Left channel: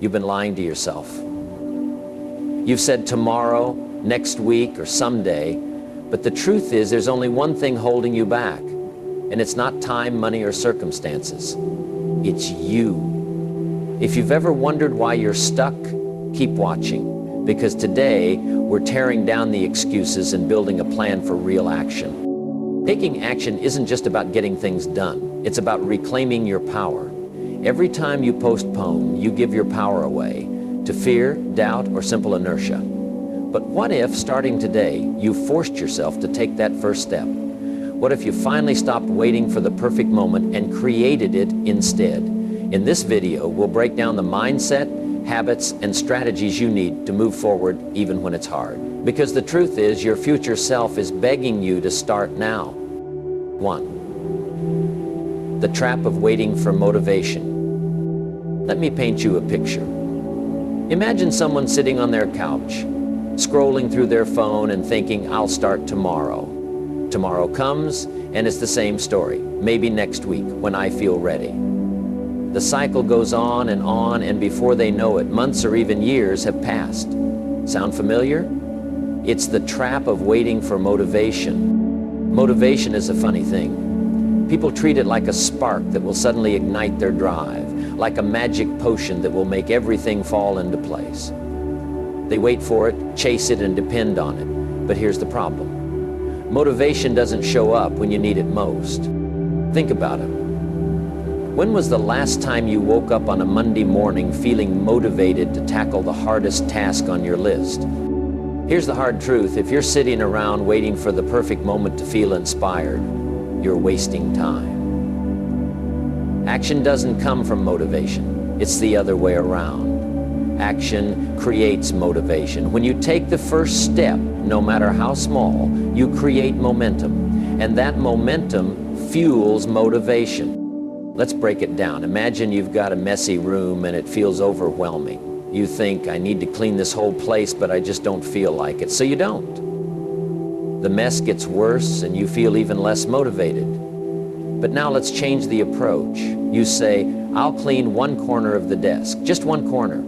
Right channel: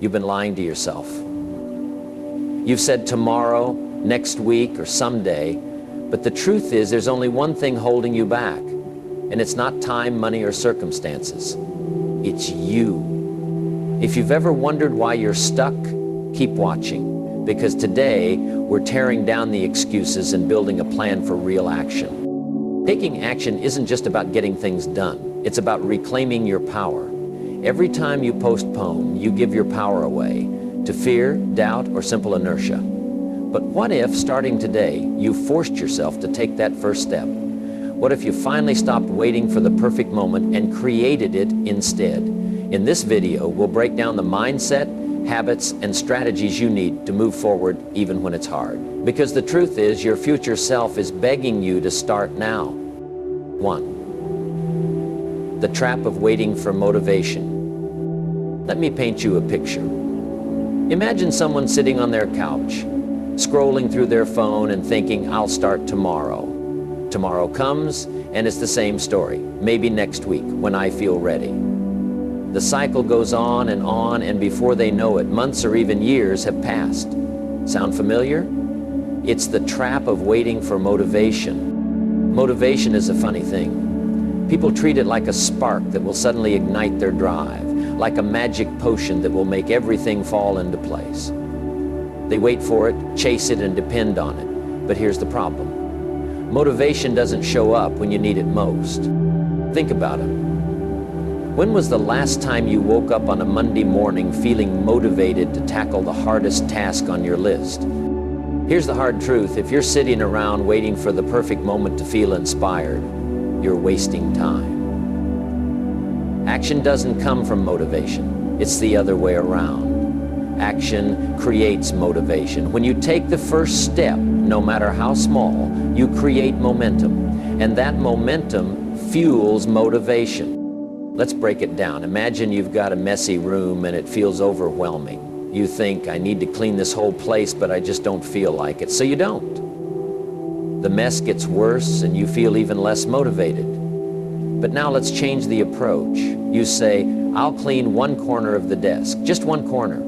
You've been lying to yourself. You've said tomorrow, next week, or someday, but the truth is there's only one thing holding you back, and it's not time, money, or circumstances. It's you. If you've ever wondered why you're stuck, keep watching, because today we're tearing down the excuses and building a plan for real action. Taking action isn't just about getting things done. It's about reclaiming your power. Every time you postpone, you give your power away to fear, doubt, or simple inertia. But what if, starting today, you forced yourself to take that first step? What if you finally stopped waiting for the perfect moment and created it instead? In this video, we'll break down the mindset, habits, and strategies you need to move forward even when it's hard. Because the truth is, your future self is begging you to start now. 1. The trap of waiting for motivation. Let me paint you a picture. Imagine someone sitting on their couch, scrolling through their phone and thinking, I'll start tomorrow. Tomorrow comes, and it's the same story. Maybe next week, when I feel ready. The cycle goes on, and before they know it, months or even years have passed. Sound familiar? It's the trap of waiting for motivation. Motivation is a funny thing. People treat it like a spark that will suddenly ignite their drive, like a magic potion that will make everything fall into place. They wait for it, chase it, and depend on it. But here's the problem. Motivation doesn't show up when you need it most. Think about it. When was the last time you woke up on a Monday morning feeling motivated to tackle the hardest task on your list? Here's the hard truth. If you're sitting around waiting for the perfect moment to feel inspired, you're wasting time. Action doesn't come from motivation. It's the other way around. Action creates motivation. When you take the first step, no matter how small, you create momentum. And that momentum fuels motivation. Let's break it down. Imagine you've got a messy room and it feels overwhelming. You think, I need to clean this whole place, but I just don't feel like it. So you don't. The mess gets worse and you feel even less motivated. But now let's change the approach. You say, I'll clean one corner of the desk, just one corner.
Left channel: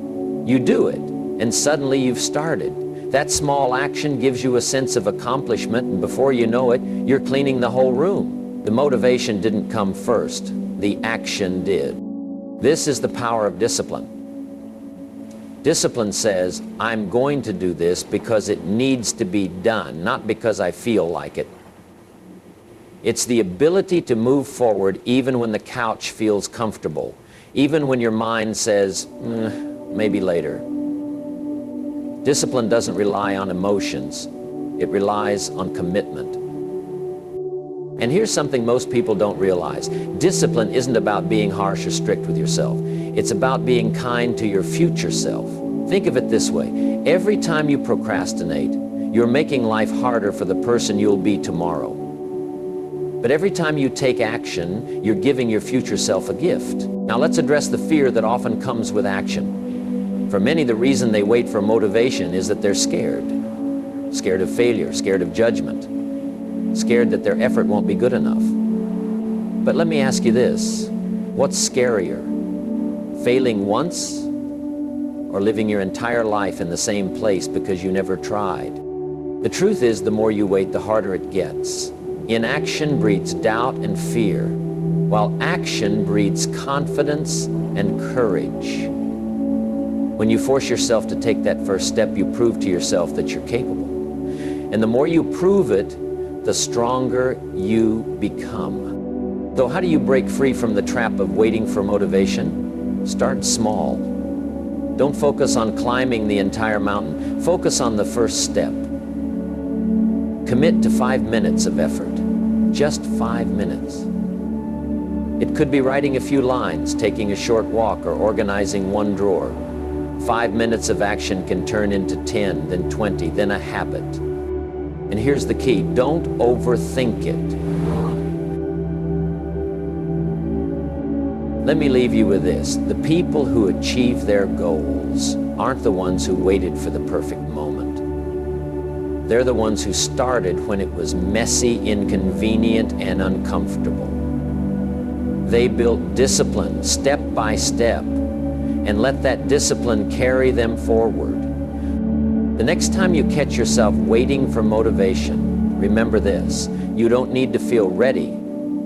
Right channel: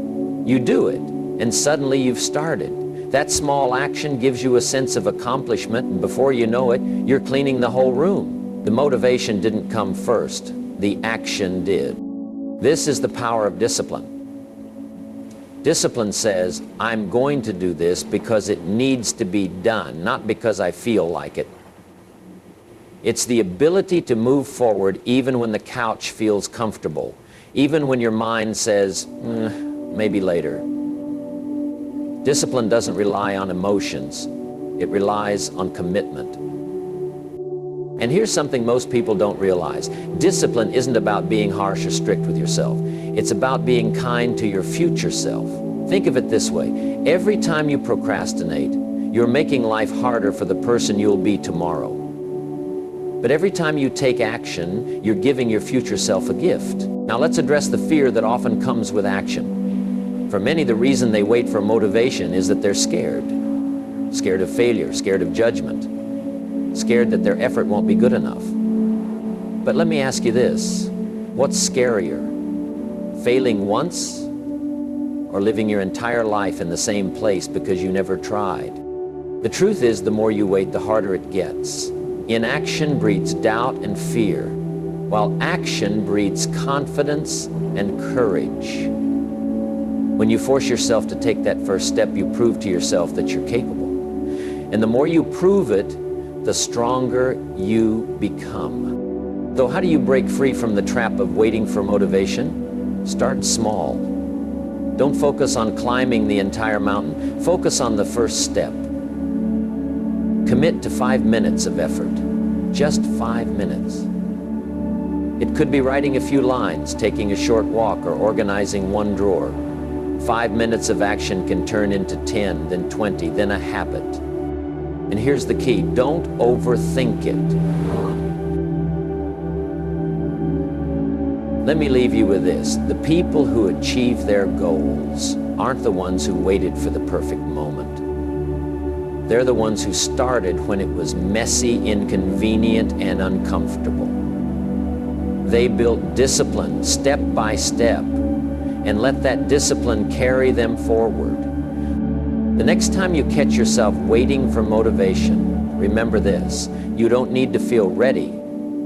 You do it, and suddenly you've started. That small action gives you a sense of accomplishment, and before you know it, you're cleaning the whole room. The motivation didn't come first, the action did. This is the power of discipline. Discipline says, I'm going to do this because it needs to be done, not because I feel like it. It's the ability to move forward even when the couch feels comfortable, even when your mind says, maybe later. Discipline doesn't rely on emotions. It relies on commitment. And here's something most people don't realize. Discipline isn't about being harsh or strict with yourself. It's about being kind to your future self. Think of it this way. Every time you procrastinate, you're making life harder for the person you'll be tomorrow. But every time you take action, you're giving your future self a gift. Now let's address the fear that often comes with action. For many, the reason they wait for motivation is that they're scared. Scared of failure, scared of judgment, scared that their effort won't be good enough. But let me ask you this, what's scarier? Failing once or living your entire life in the same place because you never tried? The truth is, the more you wait, the harder it gets. Inaction breeds doubt and fear, while action breeds confidence and courage. When you force yourself to take that first step, you prove to yourself that you're capable. And the more you prove it, the stronger you become. So how do you break free from the trap of waiting for motivation? Start small. Don't focus on climbing the entire mountain. Focus on the first step. Commit to 5 minutes of effort. Just 5 minutes. It could be writing a few lines, taking a short walk, or organizing one drawer. 5 minutes of action can turn into 10, then 20, then a habit. And here's the key, don't overthink it. Let me leave you with this. The people who achieve their goals aren't the ones who waited for the perfect moment. They're the ones who started when it was messy, inconvenient, and uncomfortable. They built discipline step by step, and let that discipline carry them forward. The next time you catch yourself waiting for motivation, remember this: you don't need to feel ready,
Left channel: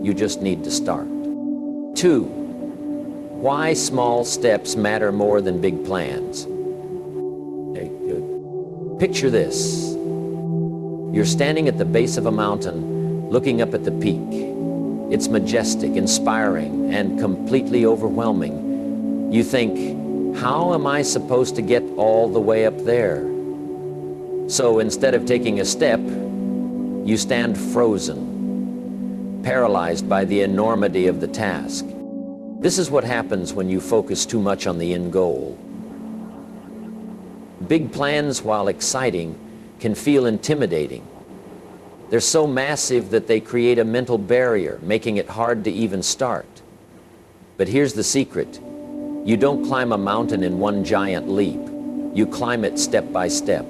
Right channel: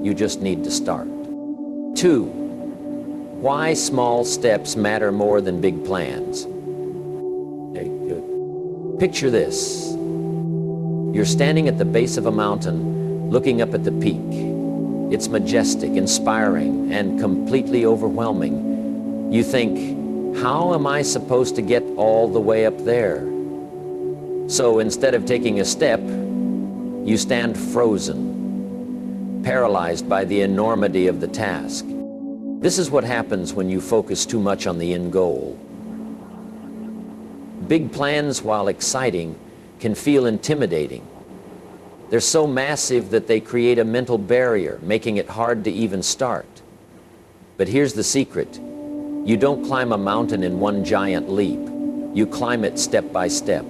you just need to start. 2. Why small steps matter more than big plans. Picture this. You're standing at the base of a mountain, looking up at the peak. It's majestic, inspiring, and completely overwhelming. You think, how am I supposed to get all the way up there? So instead of taking a step, you stand frozen, paralyzed by the enormity of the task. This is what happens when you focus too much on the end goal. Big plans, while exciting, can feel intimidating. They're so massive that they create a mental barrier, making it hard to even start. But here's the secret. You don't climb a mountain in one giant leap. You climb it step by step.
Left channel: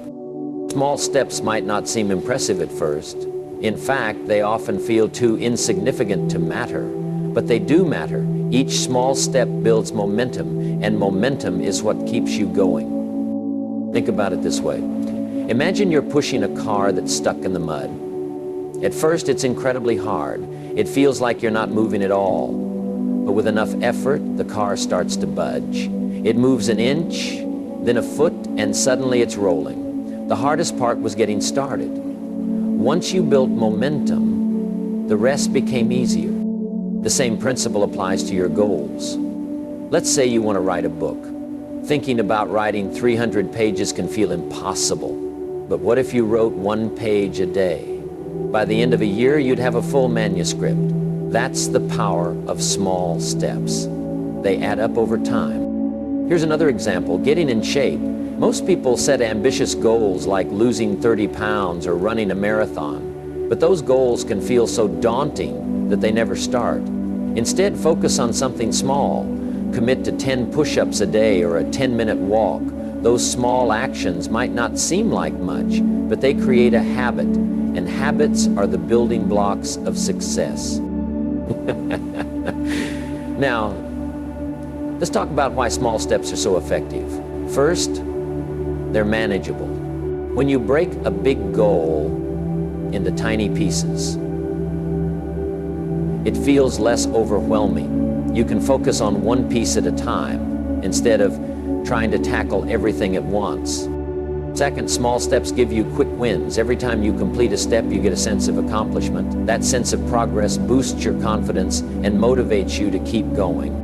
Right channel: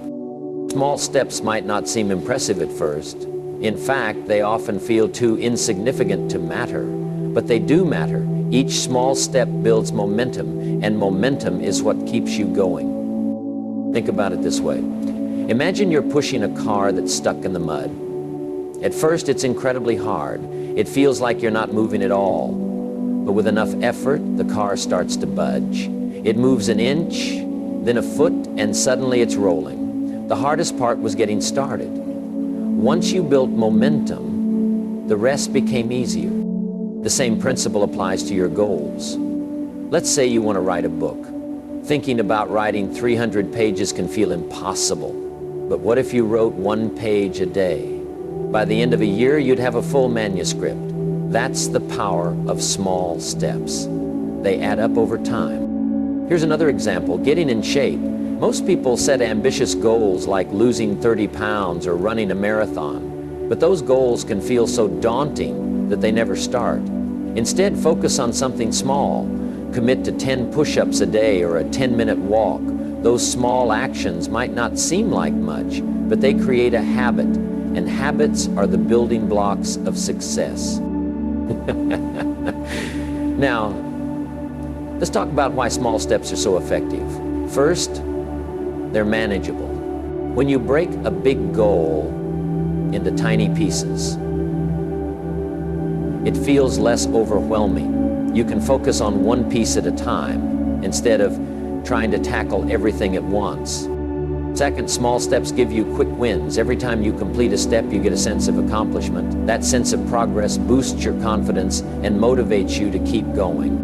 Small steps might not seem impressive at first. In fact, they often feel too insignificant to matter. But they do matter. Each small step builds momentum, and momentum is what keeps you going. Think about it this way. Imagine you're pushing a car that's stuck in the mud. At first, it's incredibly hard. It feels like you're not moving at all. But with enough effort, the car starts to budge. It moves an inch, then a foot, and suddenly it's rolling. The hardest part was getting started. Once you built momentum, the rest became easier. The same principle applies to your goals. Let's say you want to write a book. Thinking about writing 300 pages can feel impossible. But what if you wrote 1 page a day? By the end of a year, you'd have a full manuscript. That's the power of small steps. They add up over time. Here's another example, getting in shape. Most people set ambitious goals like losing 30 pounds or running a marathon. But those goals can feel so daunting that they never start. Instead, focus on something small. Commit to 10 push-ups a day or a 10-minute walk. Those small actions might not seem like much, but they create a habit. And habits are the building blocks of success. Now, let's talk about why small steps are so effective. First, they're manageable. When you break a big goal into tiny pieces, it feels less overwhelming. You can focus on one piece at a time instead of trying to tackle everything at once. Second, small steps give you quick wins. Every time you complete a step, you get a sense of accomplishment. That sense of progress boosts your confidence and motivates you to keep going.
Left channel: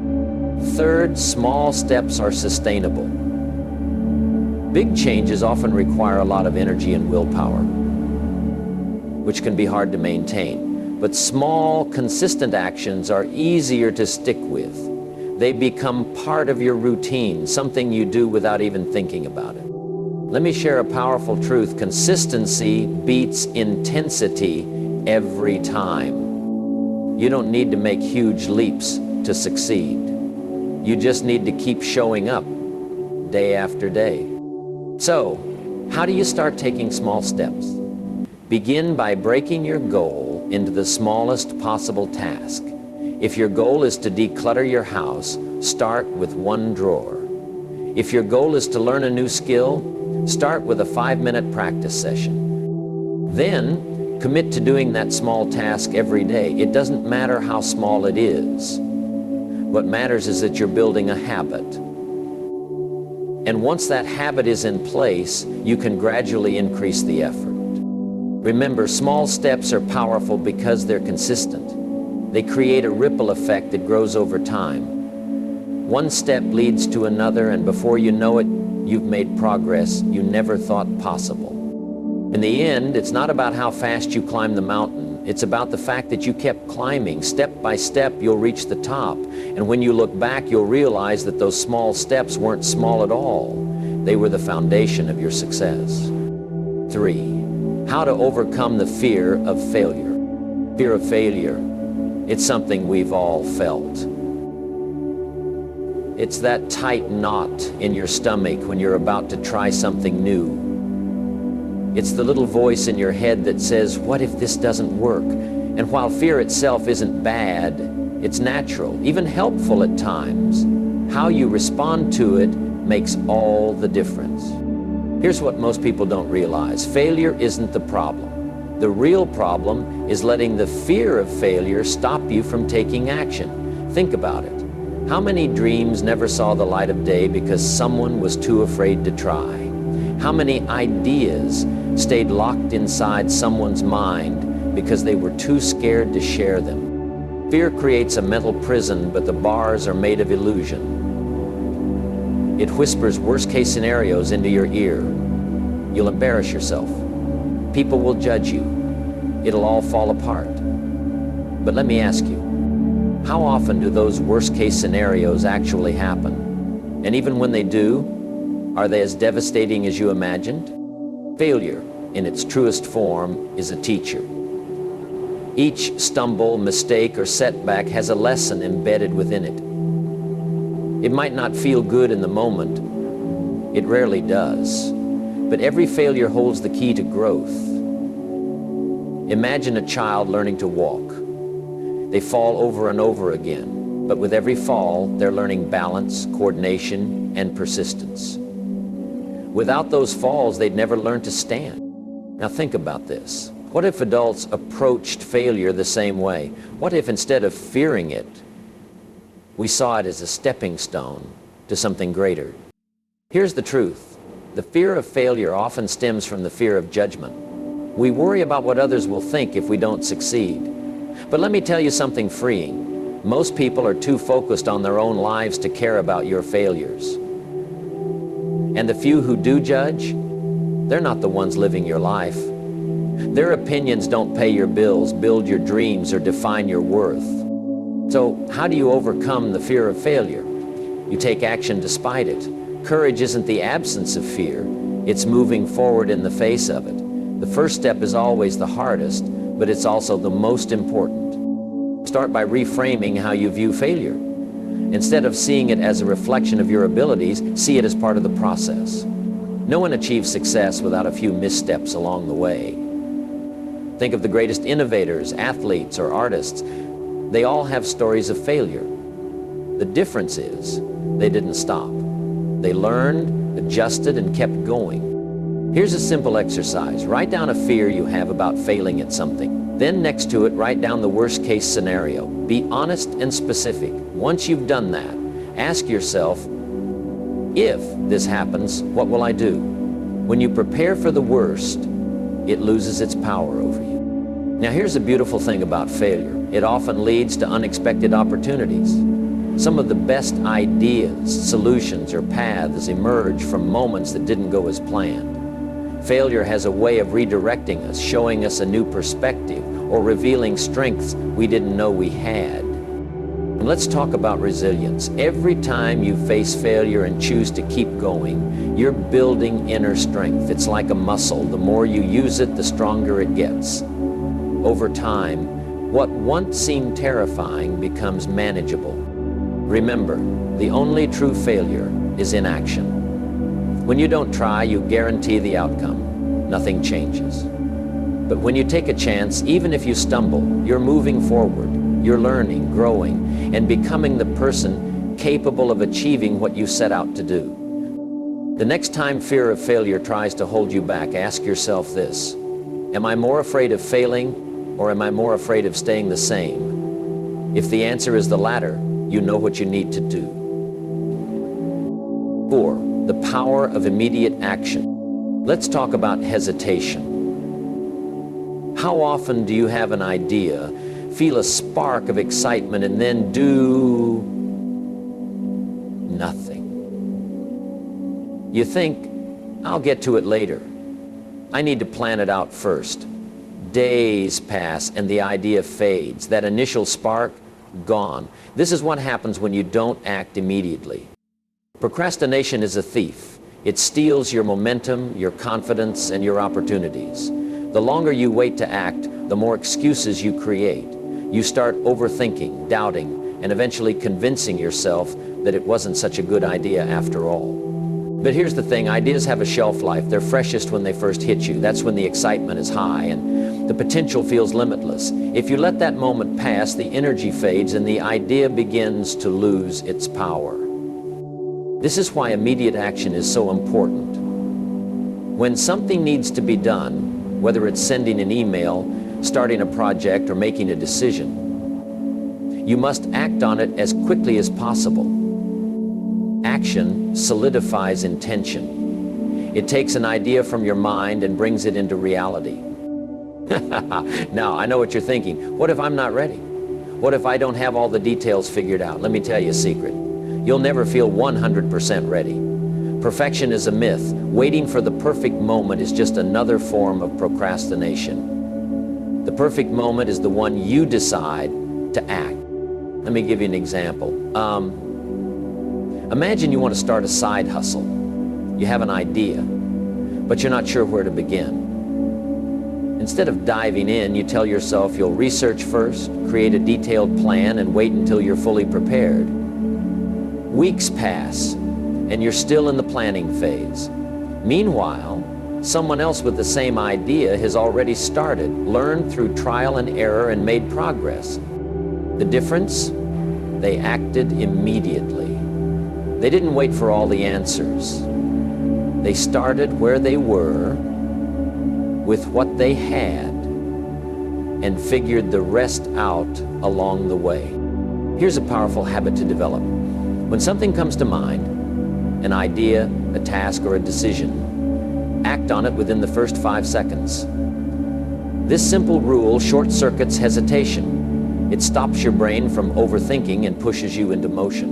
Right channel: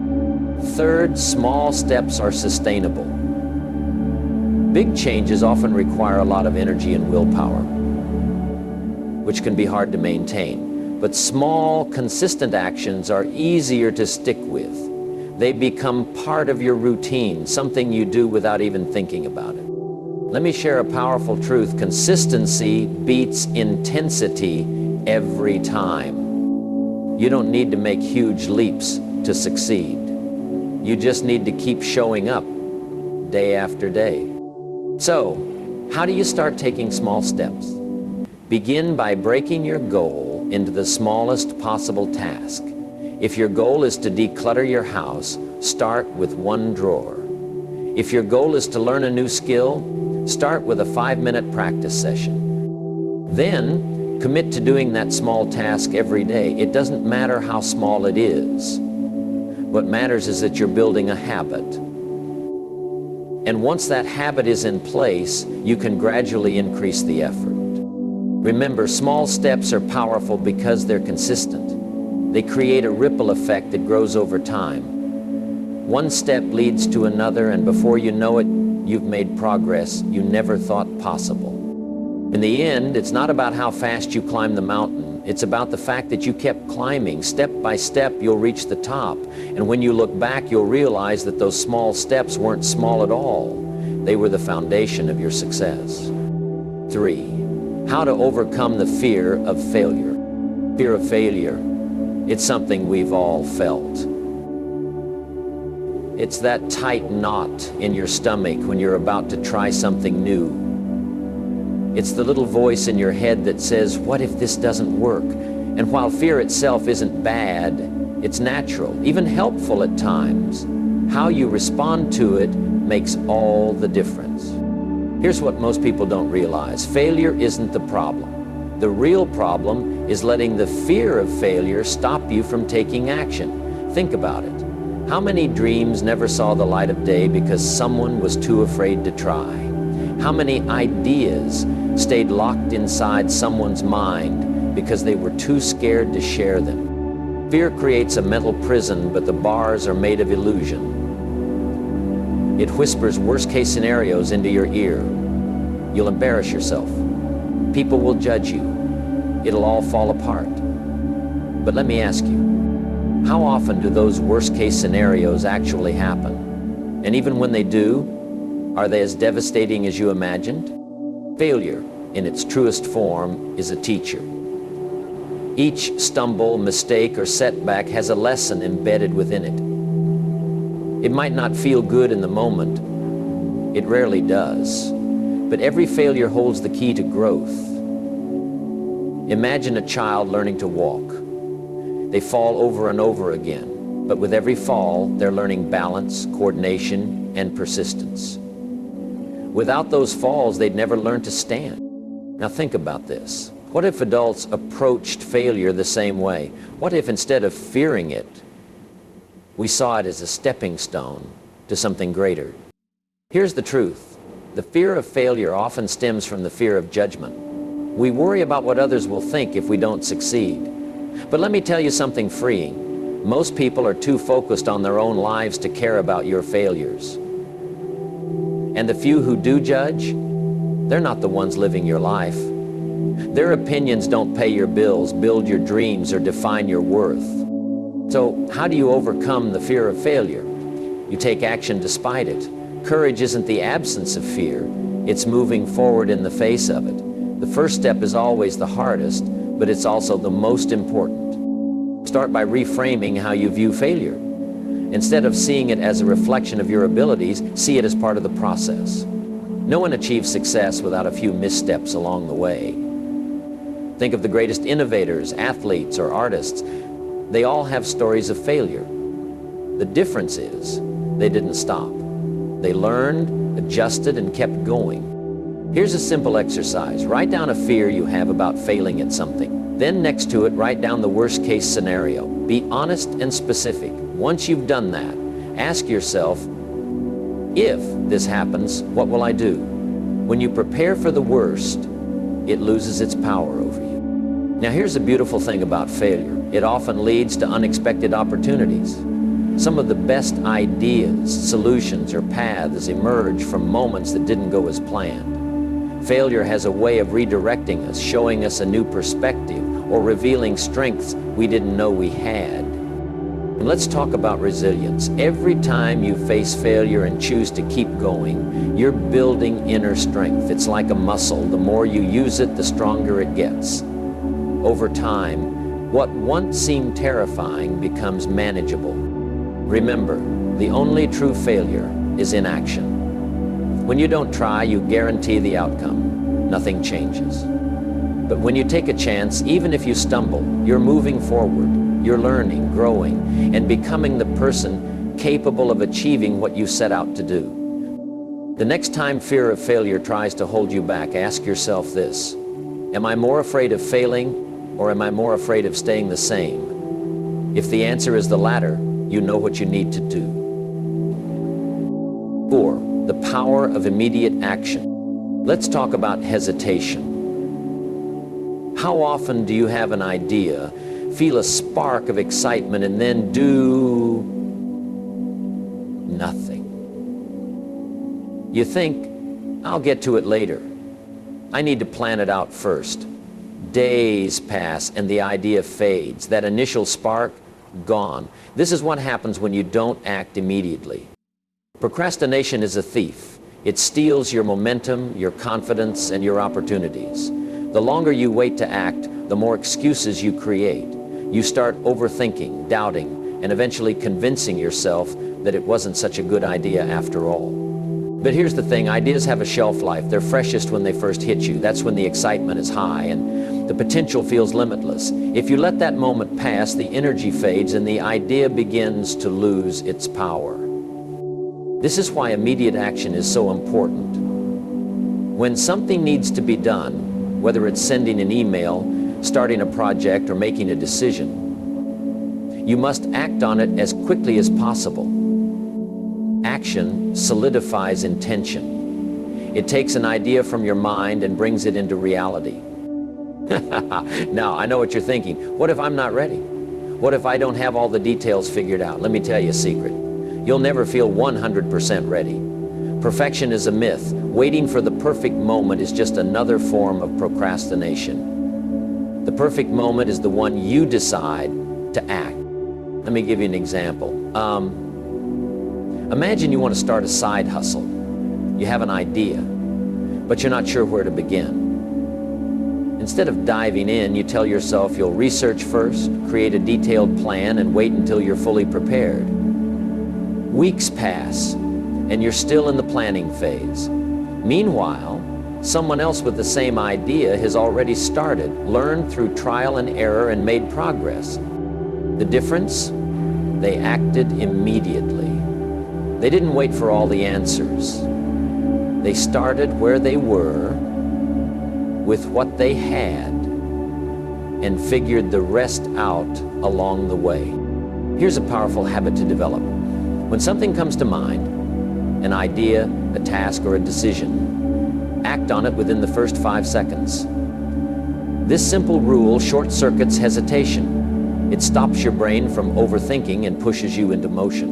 Third, small steps are sustainable. Big changes often require a lot of energy and willpower, which can be hard to maintain. But small, consistent actions are easier to stick with. They become part of your routine, something you do without even thinking about it. Let me share a powerful truth. Consistency beats intensity every time. You don't need to make huge leaps to succeed. You just need to keep showing up day after day. So, how do you start taking small steps? Begin by breaking your goal into the smallest possible task. If your goal is to declutter your house, start with 1 drawer. If your goal is to learn a new skill, start with a 5-minute practice session. Then, commit to doing that small task every day. It doesn't matter how small it is. What matters is that you're building a habit. And once that habit is in place, you can gradually increase the effort. Remember, small steps are powerful because they're consistent. They create a ripple effect that grows over time. One step leads to another, and before you know it, you've made progress you never thought possible. In the end, it's not about how fast you climb the mountain. It's about the fact that you kept climbing. Step by step, you'll reach the top. And when you look back, you'll realize that those small steps weren't small at all. They were the foundation of your success. 3. How to overcome the fear of failure. Fear of failure. It's something we've all felt. It's that tight knot in your stomach when you're about to try something new. It's the little voice in your head that says, what if this doesn't work? And while fear itself isn't bad, it's natural, even helpful at times. How you respond to it makes all the difference. Here's what most people don't realize. Failure isn't the problem. The real problem is letting the fear of failure stop you from taking action. Think about it. How many dreams never saw the light of day because someone was too afraid to try? How many ideas stayed locked inside someone's mind because they were too scared to share them? Fear creates a mental prison, but the bars are made of illusion. It whispers worst-case scenarios into your ear. You'll embarrass yourself. People will judge you. It'll all fall apart. But let me ask you, how often do those worst-case scenarios actually happen? And even when they do, are they as devastating as you imagined? Failure, in its truest form, is a teacher. Each stumble, mistake, or setback has a lesson embedded within it. It might not feel good in the moment. It rarely does. But every failure holds the key to growth. Imagine a child learning to walk. They fall over and over again, but with every fall, they're learning balance, coordination, and persistence. Without those falls, they'd never learn to stand. Now think about this. What if adults approached failure the same way? What if instead of fearing it, we saw it as a stepping stone to something greater? Here's the truth. The fear of failure often stems from the fear of judgment. We worry about what others will think if we don't succeed. But let me tell you something freeing. Most people are too focused on their own lives to care about your failures. And the few who do judge, they're not the ones living your life. Their opinions don't pay your bills, build your dreams, or define your worth. So how do you overcome the fear of failure? You take action despite it. Courage isn't the absence of fear, it's moving forward in the face of it. The first step is always the hardest, but it's also the most important. Start by reframing how you view failure. Instead of seeing it as a reflection of your abilities, see it as part of the process. No one achieves success without a few missteps along the way. Think of the greatest innovators, athletes, or artists. They all have stories of failure. The difference is they didn't stop. They learned, adjusted, and kept going. Here's a simple exercise. Write down a fear you have about failing at something. Then next to it, write down the worst-case scenario. Be honest and specific. Once you've done that, ask yourself, if this happens, what will I do? When you prepare for the worst, it loses its power over you. Now here's the beautiful thing about failure. It often leads to unexpected opportunities. Some of the best ideas, solutions, or paths emerge from moments that didn't go as planned. Failure has a way of redirecting us, showing us a new perspective, or revealing strengths we didn't know we had. And let's talk about resilience. Every time you face failure and choose to keep going, you're building inner strength. It's like a muscle. The more you use it, the stronger it gets. Over time, what once seemed terrifying becomes manageable. Remember, the only true failure is inaction. When you don't try, you guarantee the outcome. Nothing changes. But when you take a chance, even if you stumble, you're moving forward. You're learning, growing, and becoming the person capable of achieving what you set out to do. The next time fear of failure tries to hold you back, ask yourself this: am I more afraid of failing, or am I more afraid of staying the same? If the answer is the latter, you know what you need to do. 4. The power of immediate action. Let's talk about hesitation. How often do you have an idea, feel a spark of excitement, and then do nothing? You think, I'll get to it later. I need to plan it out first. Days pass and the idea fades. That initial spark, gone. This is what happens when you don't act immediately. Procrastination is a thief. It steals your momentum, your confidence, and your opportunities. The longer you wait to act, the more excuses you create. You start overthinking, doubting, and eventually convincing yourself that it wasn't such a good idea after all. But here's the thing, ideas have a shelf life. They're freshest when they first hit you. That's when the excitement is high and the potential feels limitless. If you let that moment pass, the energy fades and the idea begins to lose its power. This is why immediate action is so important. When something needs to be done, whether it's sending an email, starting a project, or making a decision, you must act on it as quickly as possible. Action solidifies intention. It takes an idea from your mind and brings it into reality. Now, I know what you're thinking. What if I'm not ready? What if I don't have all the details figured out? Let me tell you a secret. You'll never feel 100% ready. Perfection is a myth. Waiting for the perfect moment is just another form of procrastination. The perfect moment is the one you decide to act. Let me give you an example. Imagine you want to start a side hustle. You have an idea, but you're not sure where to begin. Instead of diving in, you tell yourself you'll research first, create a detailed plan, and wait until you're fully prepared. Weeks pass, and you're still in the planning phase. Meanwhile, someone else with the same idea has already started, learned through trial and error, and made progress. The difference? They acted immediately. They didn't wait for all the answers. They started where they were, with what they had, and figured the rest out along the way. Here's a powerful habit to develop. When something comes to mind, an idea, a task, or a decision, act on it within the first 5 seconds. This simple rule short-circuits hesitation. It stops your brain from overthinking and pushes you into motion.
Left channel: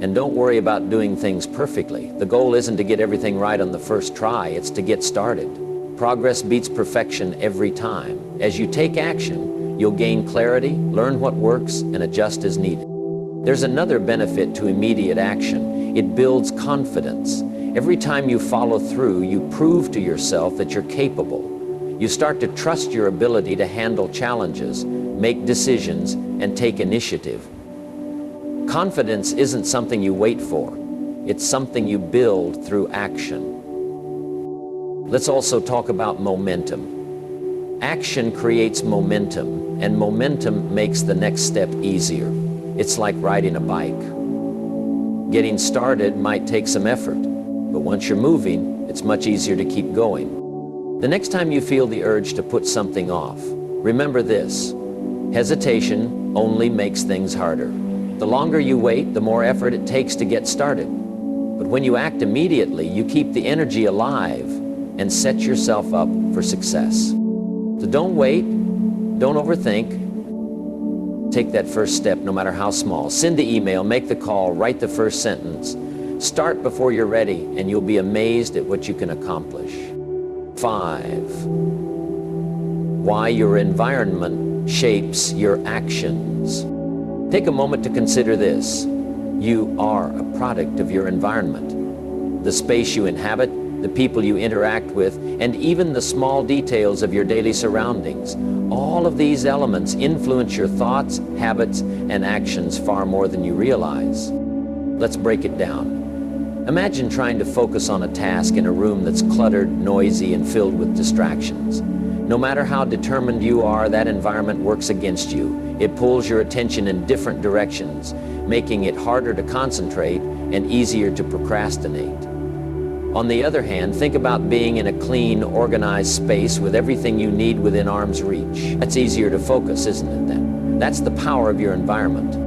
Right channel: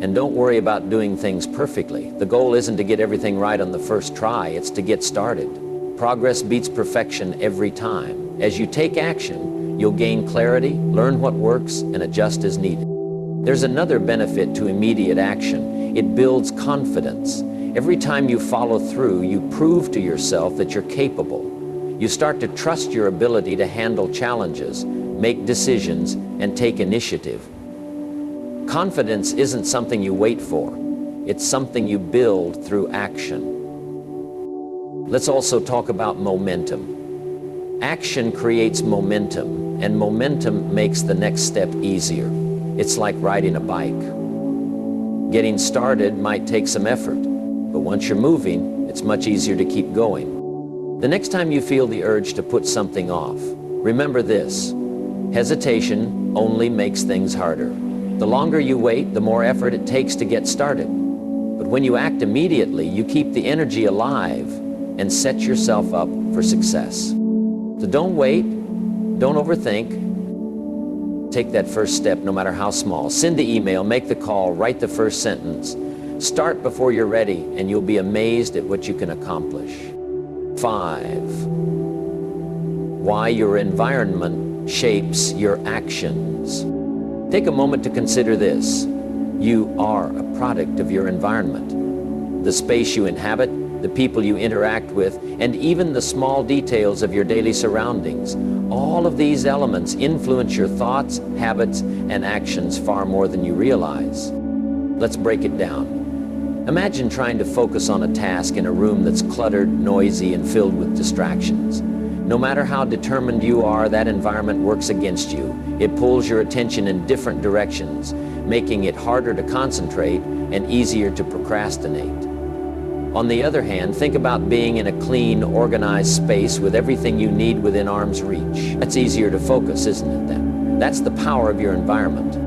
And don't worry about doing things perfectly. The goal isn't to get everything right on the first try, it's to get started. Progress beats perfection every time. As you take action, you'll gain clarity, learn what works, and adjust as needed. There's another benefit to immediate action. It builds confidence. Every time you follow through, you prove to yourself that you're capable. You start to trust your ability to handle challenges, make decisions, and take initiative. Confidence isn't something you wait for. It's something you build through action. Let's also talk about momentum. Action creates momentum, and momentum makes the next step easier. It's like riding a bike. Getting started might take some effort, but once you're moving, it's much easier to keep going. The next time you feel the urge to put something off, remember this: hesitation only makes things harder. The longer you wait, the more effort it takes to get started. But when you act immediately, you keep the energy alive and set yourself up for success. So don't wait, don't overthink. Take that first step, no matter how small. Send the email, make the call, write the first sentence. Start before you're ready, and you'll be amazed at what you can accomplish. 5. Why your environment shapes your actions. Take a moment to consider this. You are a product of your environment. The space you inhabit, the people you interact with, and even the small details of your daily surroundings. All of these elements influence your thoughts, habits, and actions far more than you realize. Let's break it down. Imagine trying to focus on a task in a room that's cluttered, noisy, and filled with distractions. No matter how determined you are, that environment works against you. It pulls your attention in different directions, making it harder to concentrate and easier to procrastinate. On the other hand, think about being in a clean, organized space with everything you need within arm's reach. That's easier to focus, isn't it then? That's the power of your environment.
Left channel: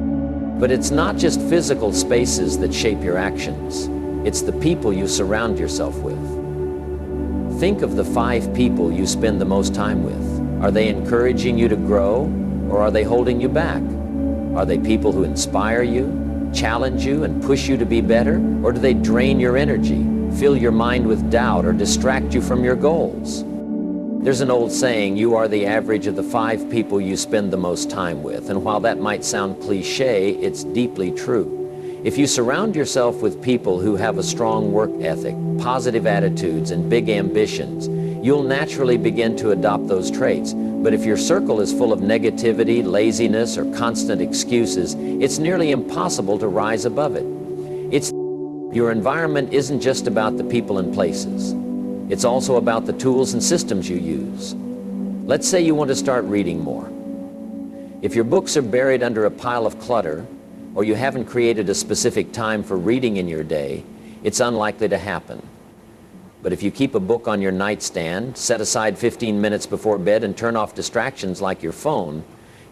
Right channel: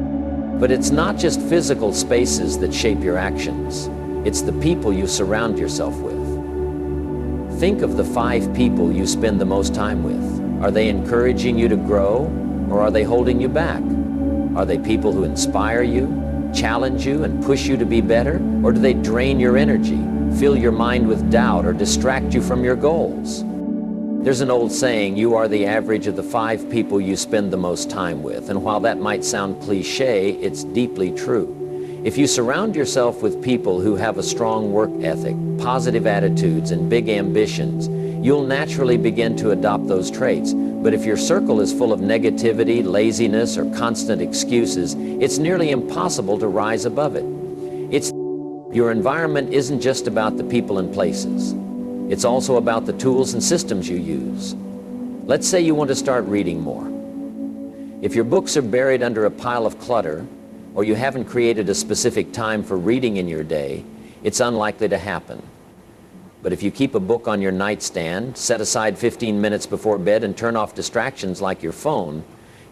But it's not just physical spaces that shape your actions. It's the people you surround yourself with. Think of the 5 people you spend the most time with. Are they encouraging you to grow, or are they holding you back? Are they people who inspire you, challenge you, and push you to be better? Or do they drain your energy, fill your mind with doubt, or distract you from your goals? There's an old saying, you are the average of the 5 people you spend the most time with. And while that might sound cliche, it's deeply true. If you surround yourself with people who have a strong work ethic, positive attitudes, and big ambitions, you'll naturally begin to adopt those traits. But if your circle is full of negativity, laziness, or constant excuses, it's nearly impossible to rise above it. Your environment isn't just about the people and places. It's also about the tools and systems you use. Let's say you want to start reading more. If your books are buried under a pile of clutter, or you haven't created a specific time for reading in your day, it's unlikely to happen. But if you keep a book on your nightstand, set aside 15 minutes before bed, and turn off distractions like your phone,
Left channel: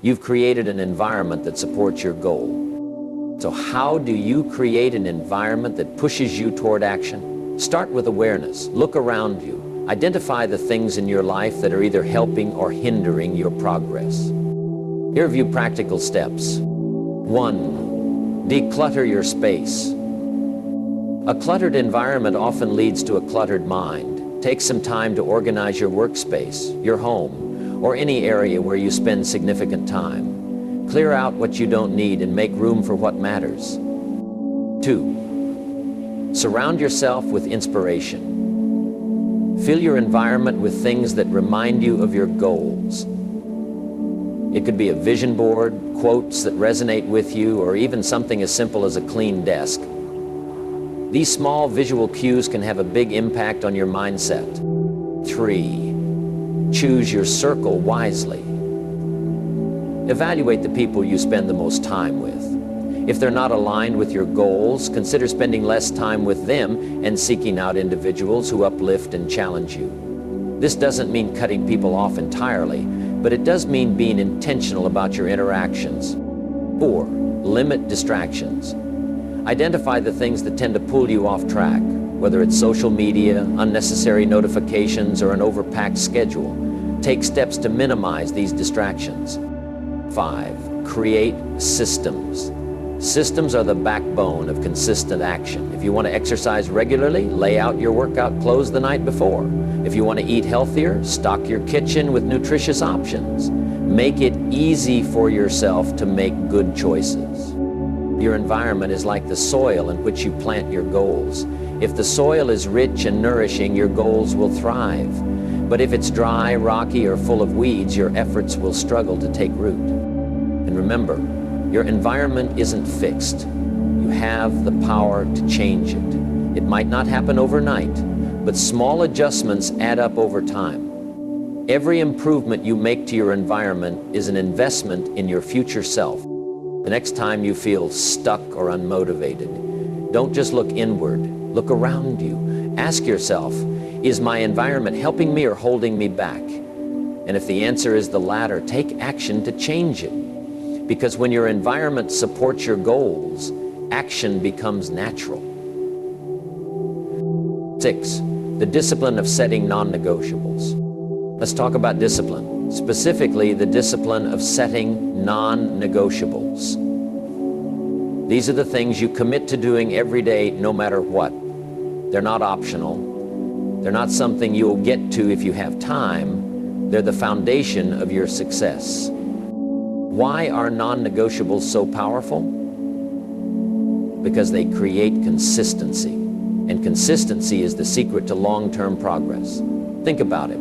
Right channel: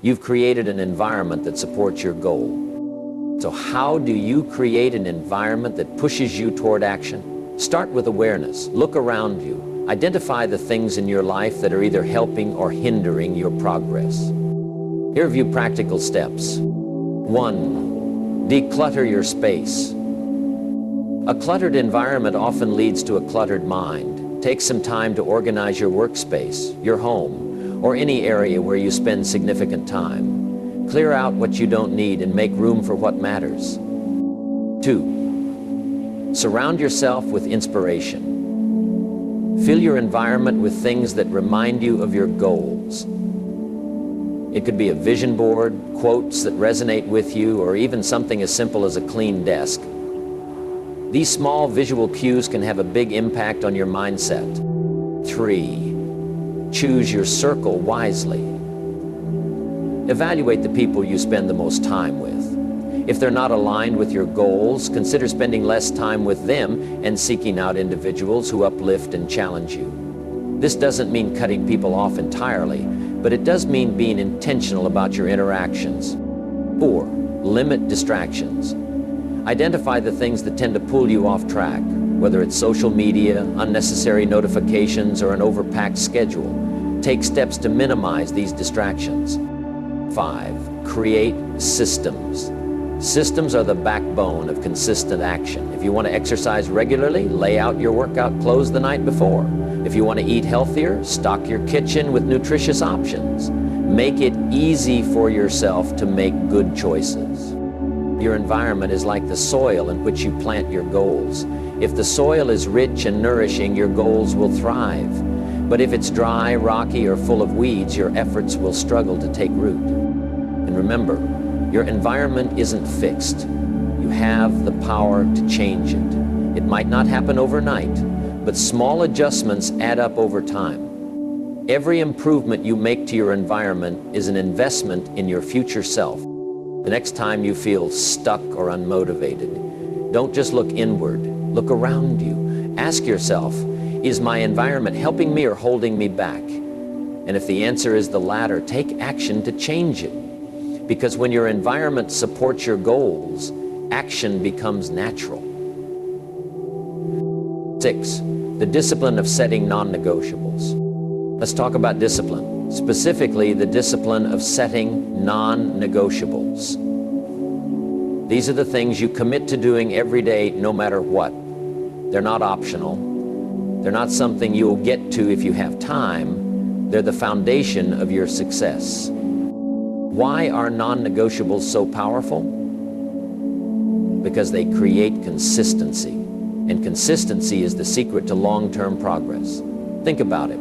you've created an environment that supports your goal. So how do you create an environment that pushes you toward action? Start with awareness. Look around you. Identify the things in your life that are either helping or hindering your progress. Here are a few practical steps. 1. Declutter your space. A cluttered environment often leads to a cluttered mind. Take some time to organize your workspace, your home, or any area where you spend significant time. Clear out what you don't need and make room for what matters. 2. Surround yourself with inspiration. Fill your environment with things that remind you of your goals. It could be a vision board, quotes that resonate with you, or even something as simple as a clean desk. These small visual cues can have a big impact on your mindset. 3. Choose your circle wisely. Evaluate the people you spend the most time with. If they're not aligned with your goals, consider spending less time with them and seeking out individuals who uplift and challenge you. This doesn't mean cutting people off entirely, but it does mean being intentional about your interactions. 4. Limit distractions. Identify the things that tend to pull you off track, whether it's social media, unnecessary notifications, or an overpacked schedule. Take steps to minimize these distractions. 5. Create systems. Systems are the backbone of consistent action. If you want to exercise regularly, lay out your workout clothes the night before. If you want to eat healthier, stock your kitchen with nutritious options. Make it easy for yourself to make good choices. Your environment is like the soil in which you plant your goals. If the soil is rich and nourishing, your goals will thrive. But if it's dry, rocky, or full of weeds, your efforts will struggle to take root. And remember, your environment isn't fixed. You have the power to change it. It might not happen overnight, but small adjustments add up over time. Every improvement you make to your environment is an investment in your future self. The next time you feel stuck or unmotivated, don't just look inward, look around you. Ask yourself, is my environment helping me or holding me back? And if the answer is the latter, take action to change it. Because when your environment supports your goals, action becomes natural. 6. The discipline of setting non-negotiables. Let's talk about discipline, specifically the discipline of setting non-negotiables. These are the things you commit to doing every day, no matter what. They're not optional. They're not something you'll get to if you have time. They're the foundation of your success. Why are non-negotiables so powerful? Because they create consistency. And consistency is the secret to long-term progress. Think about it.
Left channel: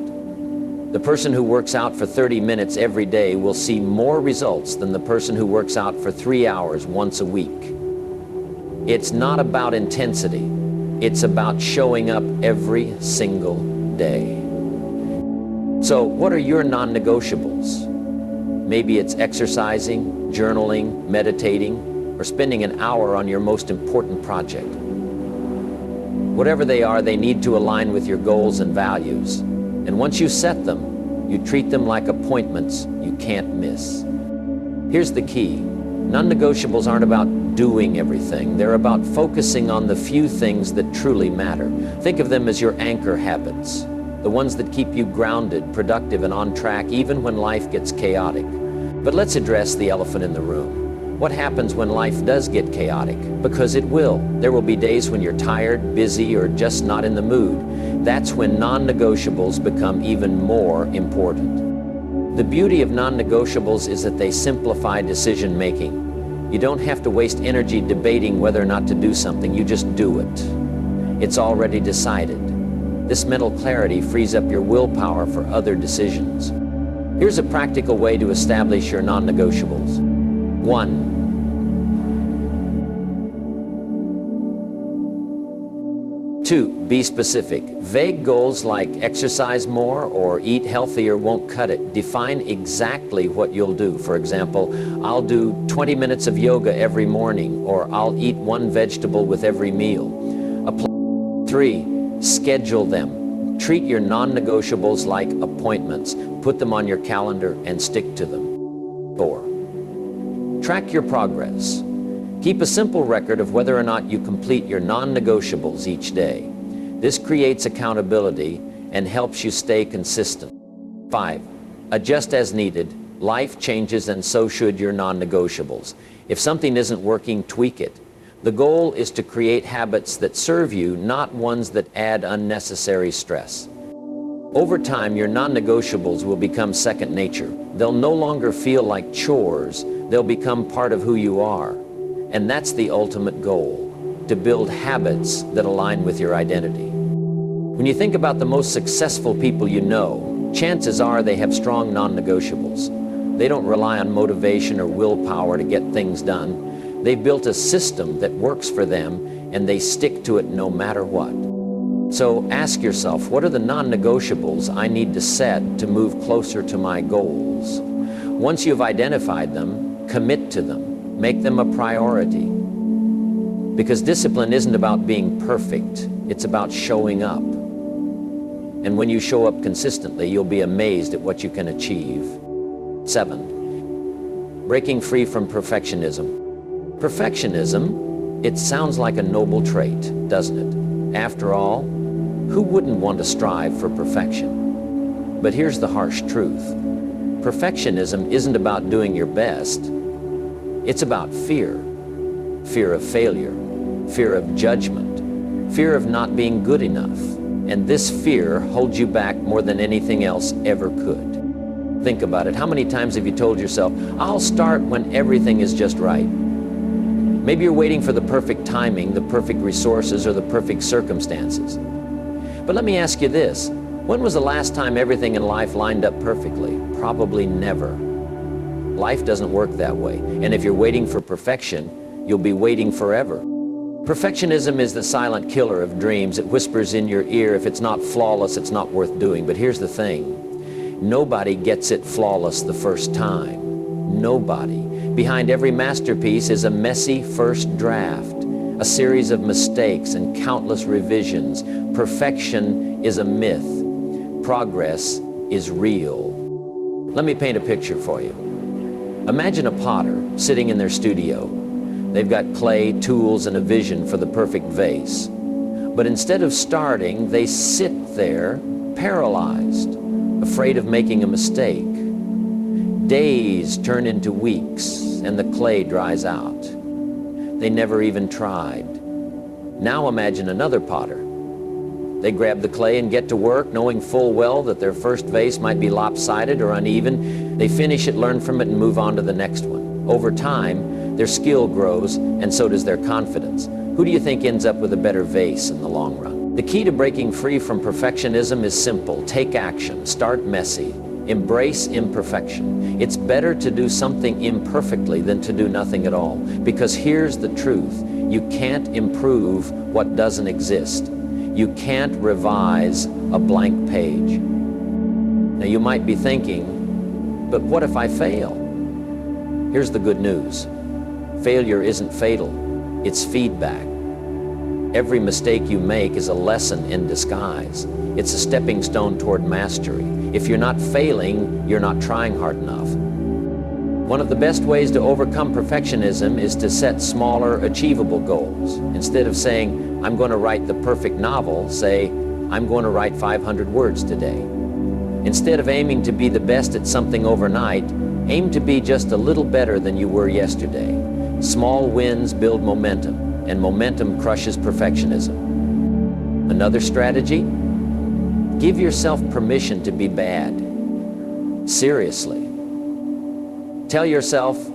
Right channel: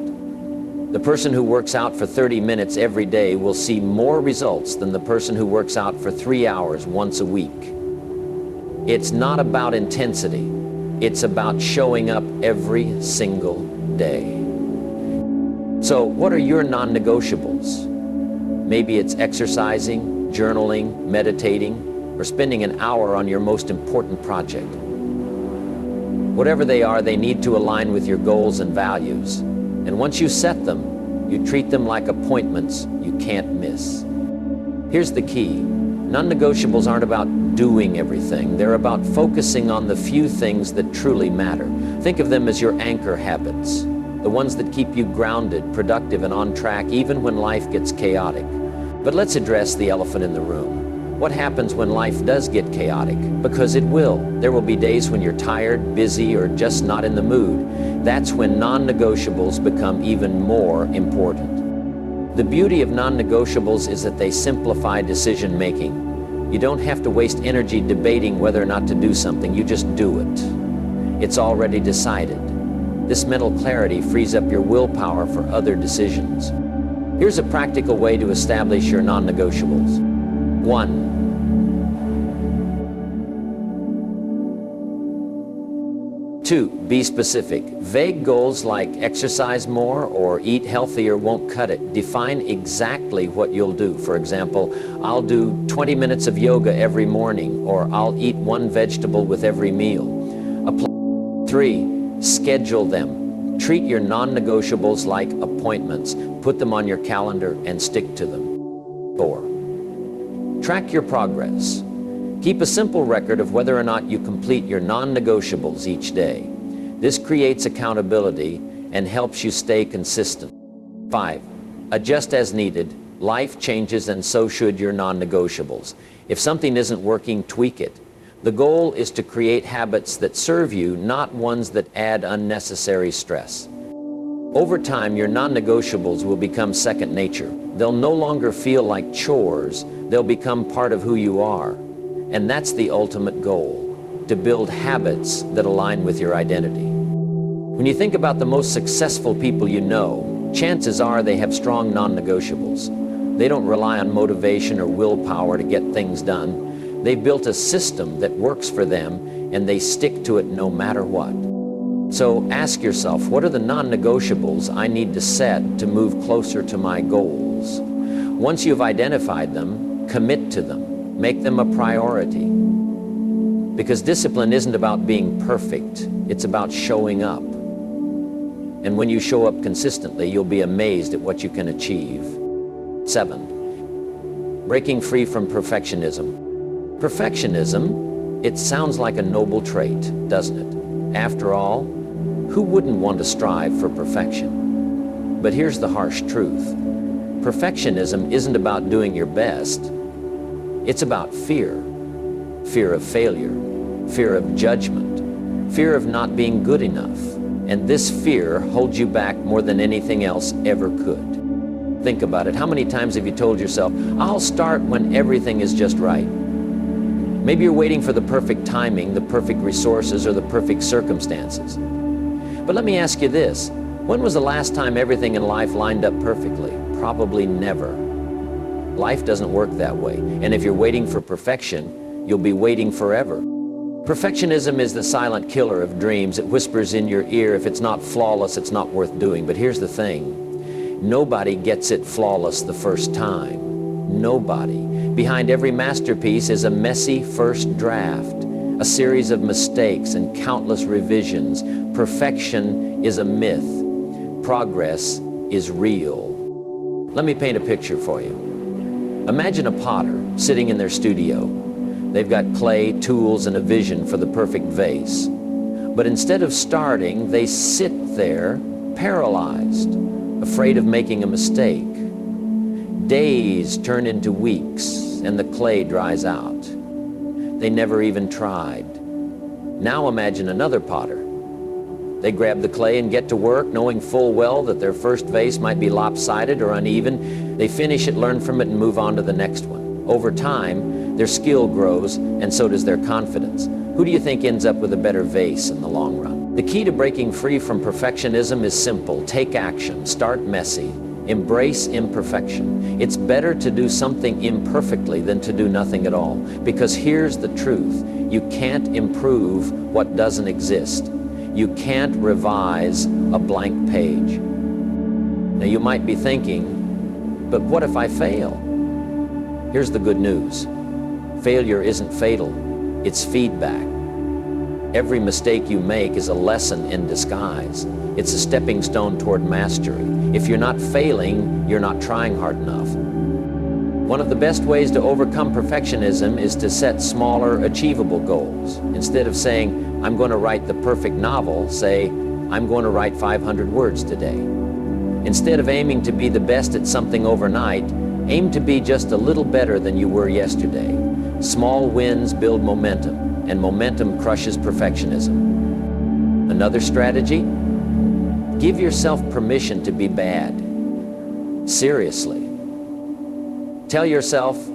The person who works out for 30 minutes every day will see more results than the person who works out for 3 hours once a week. It's not about intensity. It's about showing up every single day. So what are your non-negotiables? Maybe it's exercising, journaling, meditating, or spending an hour on your most important project. Whatever they are, they need to align with your goals and values. And once you set them, you treat them like appointments you can't miss. Here's the key. Non-negotiables aren't about doing everything. They're about focusing on the few things that truly matter. Think of them as your anchor habits, the ones that keep you grounded, productive, and on track even when life gets chaotic. But let's address the elephant in the room. What happens when life does get chaotic? Because it will. There will be days when you're tired, busy, or just not in the mood. That's when non-negotiables become even more important. The beauty of non-negotiables is that they simplify decision-making. You don't have to waste energy debating whether or not to do something. You just do it. It's already decided. This mental clarity frees up your willpower for other decisions. Here's a practical way to establish your non-negotiables. 1. 2, be specific. Vague goals like exercise more or eat healthier won't cut it. Define exactly what you'll do. For example, I'll do 20 minutes of yoga every morning, or I'll eat one vegetable with every meal. 3, schedule them. Treat your non-negotiables like appointments. Put them on your calendar and stick to them. 4, track your progress. Keep a simple record of whether or not you complete your non-negotiables each day. This creates accountability and helps you stay consistent. 5, adjust as needed. Life changes and so should your non-negotiables. If something isn't working, tweak it. The goal is to create habits that serve you, not ones that add unnecessary stress. Over time, your non-negotiables will become second nature. They'll no longer feel like chores. They'll become part of who you are. And that's the ultimate goal, to build habits that align with your identity. When you think about the most successful people you know, chances are they have strong non-negotiables. They don't rely on motivation or willpower to get things done. They've built a system that works for them, and they stick to it no matter what. So ask yourself, what are the non-negotiables I need to set to move closer to my goals? Once you've identified them, commit to them. Make them a priority. Because discipline isn't about being perfect, it's about showing up. And when you show up consistently, you'll be amazed at what you can achieve. 7, breaking free from perfectionism. Perfectionism, it sounds like a noble trait, doesn't it? After all, who wouldn't want to strive for perfection? But here's the harsh truth. Perfectionism isn't about doing your best. It's about fear. Fear of failure, fear of judgment, fear of not being good enough. And this fear holds you back more than anything else ever could. Think about it. How many times have you told yourself, I'll start when everything is just right? Maybe you're waiting for the perfect timing, the perfect resources, or the perfect circumstances. But let me ask you this. When was the last time everything in life lined up perfectly? Probably never. Life doesn't work that way. And if you're waiting for perfection, you'll be waiting forever. Perfectionism is the silent killer of dreams. It whispers in your ear, if it's not flawless, it's not worth doing. But here's the thing. Nobody gets it flawless the first time. Nobody. Behind every masterpiece is a messy first draft, a series of mistakes and countless revisions. Perfection is a myth. Progress is real. Let me paint a picture for you. Imagine a potter sitting in their studio. They've got clay, tools, and a vision for the perfect vase. But instead of starting, they sit there paralyzed, afraid of making a mistake. Days turn into weeks, and the clay dries out. They never even tried. Now imagine another potter. They grab the clay and get to work, knowing full well that their first vase might be lopsided or uneven. They finish it, learn from it, and move on to the next one. Over time, their skill grows, and so does their confidence. Who do you think ends up with a better vase in the long run? The key to breaking free from perfectionism is simple. Take action. Start messy. Embrace imperfection. It's better to do something imperfectly than to do nothing at all. Because here's the truth. You can't improve what doesn't exist. You can't revise a blank page. Now you might be thinking, but what if I fail? Here's the good news. Failure isn't fatal. It's feedback. Every mistake you make is a lesson in disguise. It's a stepping stone toward mastery. If you're not failing, you're not trying hard enough. One of the best ways to overcome perfectionism is to set smaller, achievable goals. Instead of saying, I'm going to write the perfect novel, say, I'm going to write 500 words today. Instead of aiming to be the best at something overnight, aim to be just a little better than you were yesterday. Small wins build momentum, and momentum crushes perfectionism. Another strategy? Give yourself permission to be bad. Seriously. Tell yourself,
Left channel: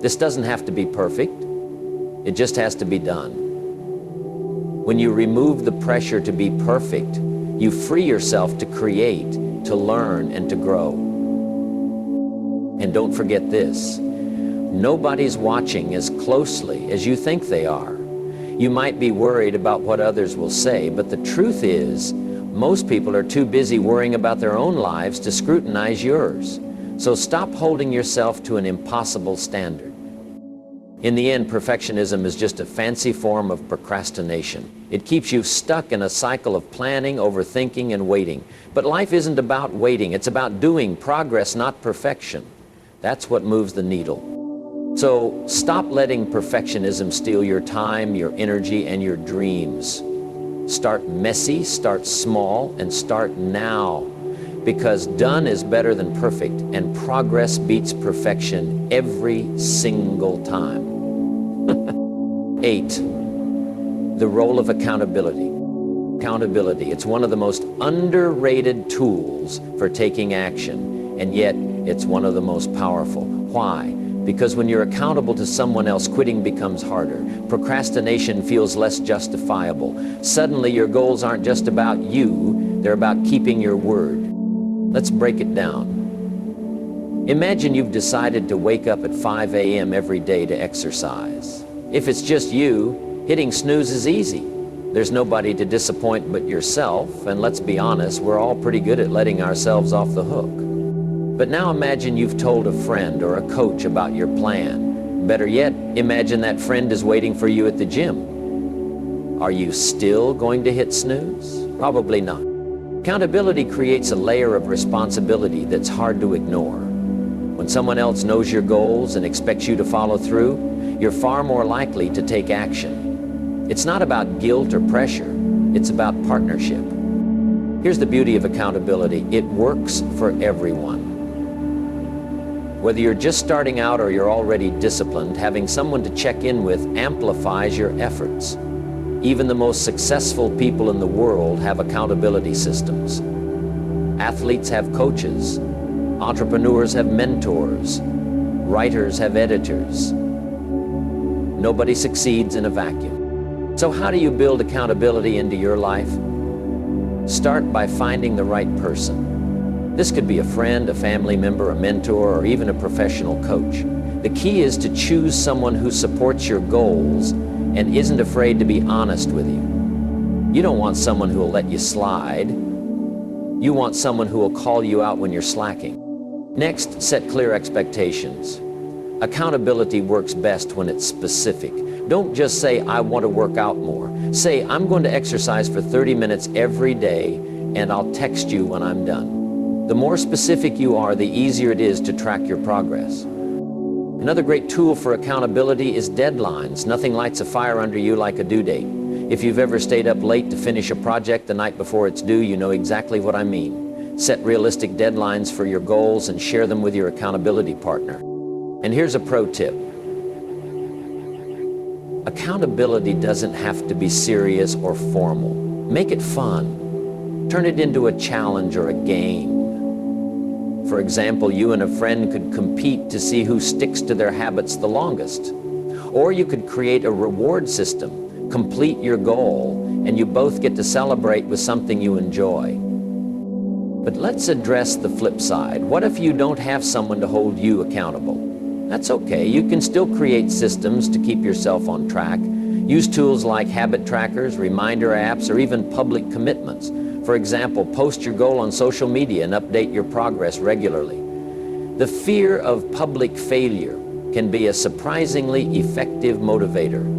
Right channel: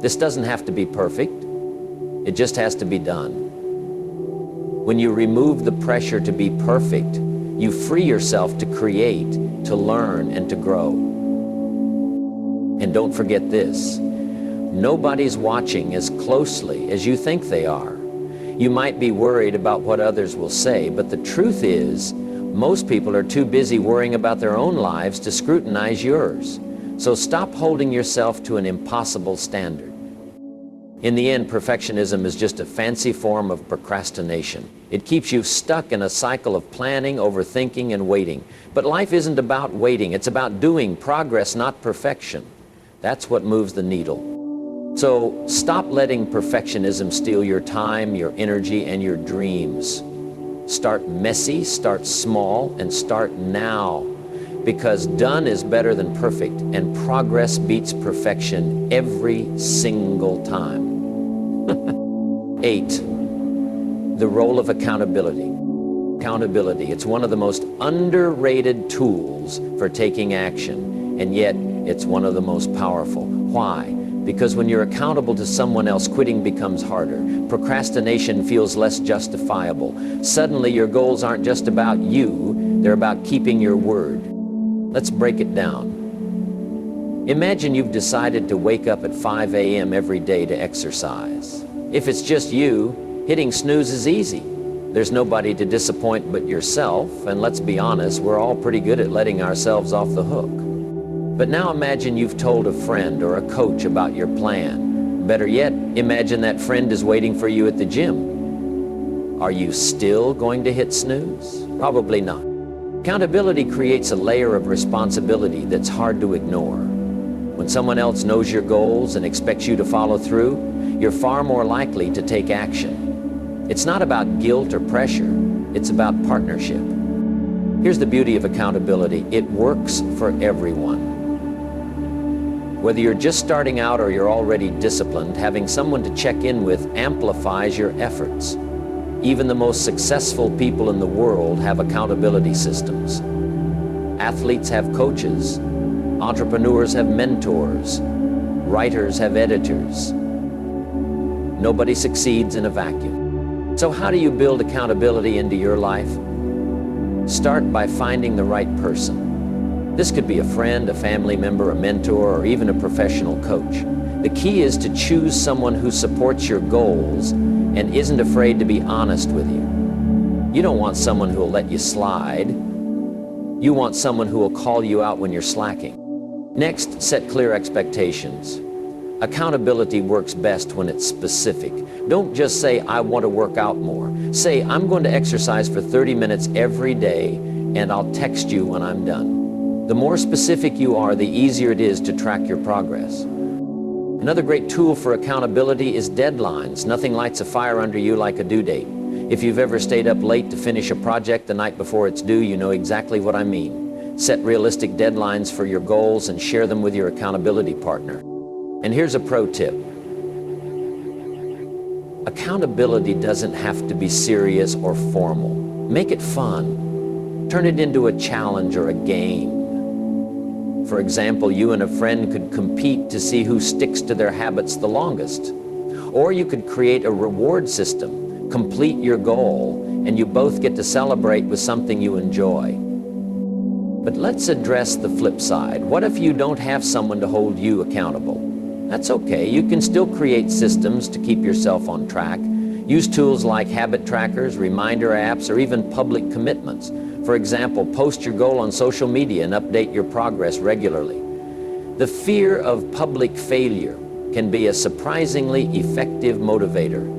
this doesn't have to be perfect. It just has to be done. When you remove the pressure to be perfect, you free yourself to create, to learn, and to grow. And don't forget this. Nobody's watching as closely as you think they are. You might be worried about what others will say, but the truth is, most people are too busy worrying about their own lives to scrutinize yours. So stop holding yourself to an impossible standard. In the end, perfectionism is just a fancy form of procrastination. It keeps you stuck in a cycle of planning, overthinking, and waiting. But life isn't about waiting. It's about doing progress, not perfection. That's what moves the needle. So stop letting perfectionism steal your time, your energy, and your dreams. Start messy, start small, and start now. Because done is better than perfect, and progress beats perfection every single time. 8. The role of accountability. Accountability, it's one of the most underrated tools for taking action, and yet it's one of the most powerful. Why? Because when you're accountable to someone else, quitting becomes harder. Procrastination feels less justifiable. Suddenly your goals aren't just about you, they're about keeping your word. Let's break it down. Imagine you've decided to wake up at 5 a.m. every day to exercise. If it's just you, hitting snooze is easy. There's nobody to disappoint but yourself, and let's be honest, we're all pretty good at letting ourselves off the hook. But now imagine you've told a friend or a coach about your plan. Better yet, imagine that friend is waiting for you at the gym. Are you still going to hit snooze? Probably not. Accountability creates a layer of responsibility that's hard to ignore. When someone else knows your goals and expects you to follow through, you're far more likely to take action. It's not about guilt or pressure, it's about partnership. Here's the beauty of accountability. It works for everyone. Whether you're just starting out or you're already disciplined, having someone to check in with amplifies your efforts. Even the most successful people in the world have accountability systems. Athletes have coaches. Entrepreneurs have mentors. Writers have editors. Nobody succeeds in a vacuum. So how do you build accountability into your life? Start by finding the right person. This could be a friend, a family member, a mentor, or even a professional coach. The key is to choose someone who supports your goals and isn't afraid to be honest with you. You don't want someone who will let you slide. You want someone who will call you out when you're slacking. Next, set clear expectations. Accountability works best when it's specific. Don't just say, I want to work out more. Say, I'm going to exercise for 30 minutes every day, and I'll text you when I'm done. The more specific you are, the easier it is to track your progress. Another great tool for accountability is deadlines. Nothing lights a fire under you like a due date. If you've ever stayed up late to finish a project the night before it's due, you know exactly what I mean. Set realistic deadlines for your goals and share them with your accountability partner. And here's a pro tip. Accountability doesn't have to be serious or formal. Make it fun. Turn it into a challenge or a game. For example, you and a friend could compete to see who sticks to their habits the longest. Or you could create a reward system, complete your goal, and you both get to celebrate with something you enjoy. But let's address the flip side. What if you don't have someone to hold you accountable? That's okay. You can still create systems to keep yourself on track. Use tools like habit trackers, reminder apps, or even public commitments. For example, post your goal on social media and update your progress regularly. The fear of public failure can be a surprisingly effective motivator.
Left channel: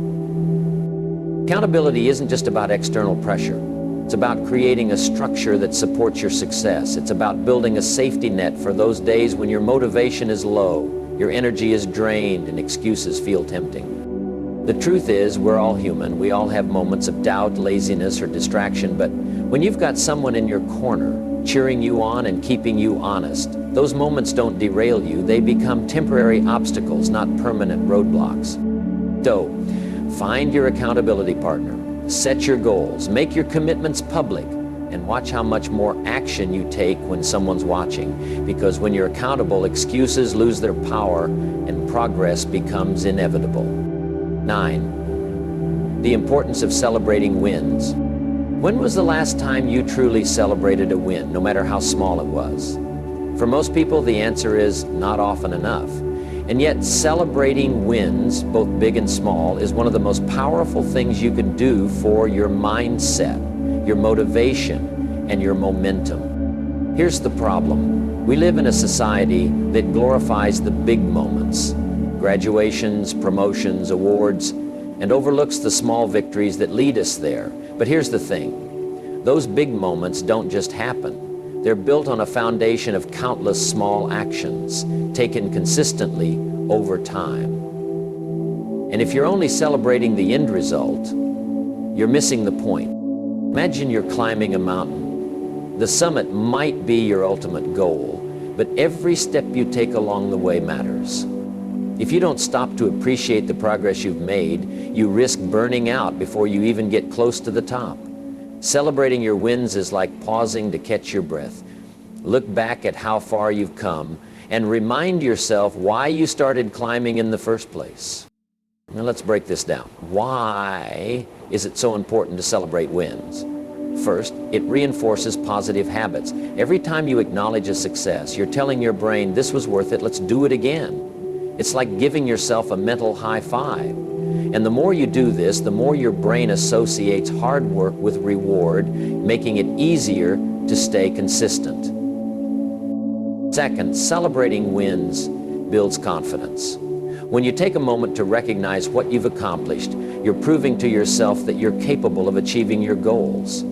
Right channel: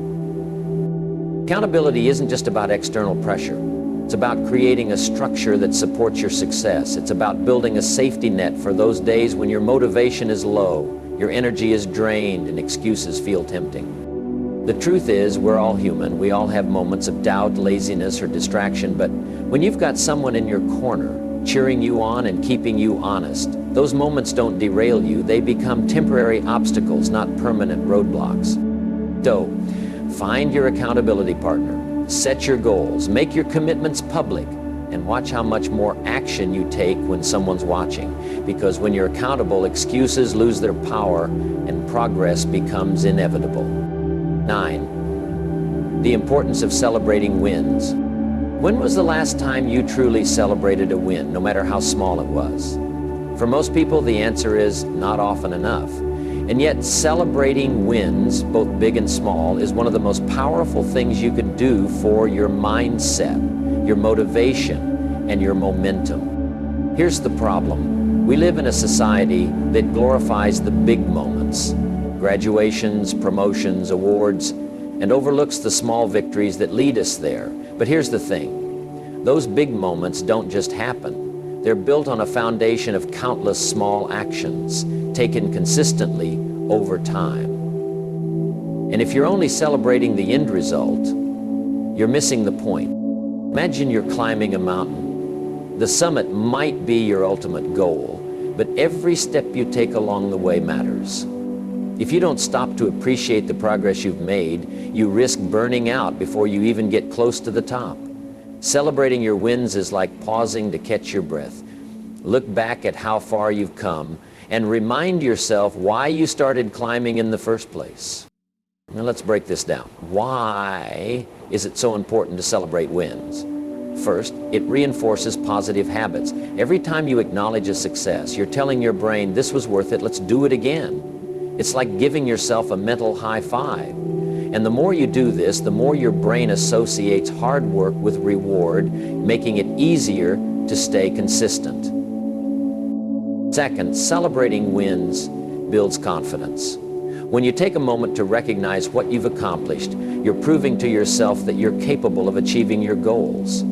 Accountability isn't just about external pressure. It's about creating a structure that supports your success. It's about building a safety net for those days when your motivation is low, your energy is drained, and excuses feel tempting. The truth is, we're all human. We all have moments of doubt, laziness, or distraction, but when you've got someone in your corner, cheering you on and keeping you honest, those moments don't derail you. They become temporary obstacles, not permanent roadblocks. So, find your accountability partner, set your goals, make your commitments public, and watch how much more action you take when someone's watching. Because when you're accountable, excuses lose their power and progress becomes inevitable. 9. The importance of celebrating wins. When was the last time you truly celebrated a win, no matter how small it was? For most people, the answer is not often enough. And yet celebrating wins, both big and small, is one of the most powerful things you can do for your mindset, your motivation, and your momentum. Here's the problem. We live in a society that glorifies the big moments, graduations, promotions, awards, and overlooks the small victories that lead us there. But here's the thing. Those big moments don't just happen. They're built on a foundation of countless small actions, taken consistently over time. And if you're only celebrating the end result, you're missing the point. Imagine you're climbing a mountain. The summit might be your ultimate goal, but every step you take along the way matters. If you don't stop to appreciate the progress you've made, you risk burning out before you even get close to the top. Celebrating your wins is like pausing to catch your breath. Look back at how far you've come and remind yourself why you started climbing in the first place. Now let's break this down. Why is it so important to celebrate wins? First, it reinforces positive habits. Every time you acknowledge a success, you're telling your brain, this was worth it, let's do it again. It's like giving yourself a mental high five. And the more you do this, the more your brain associates hard work with reward, making it easier to stay consistent. Second, celebrating wins builds confidence. When you take a moment to recognize what you've accomplished, you're proving to yourself that you're capable of achieving your goals.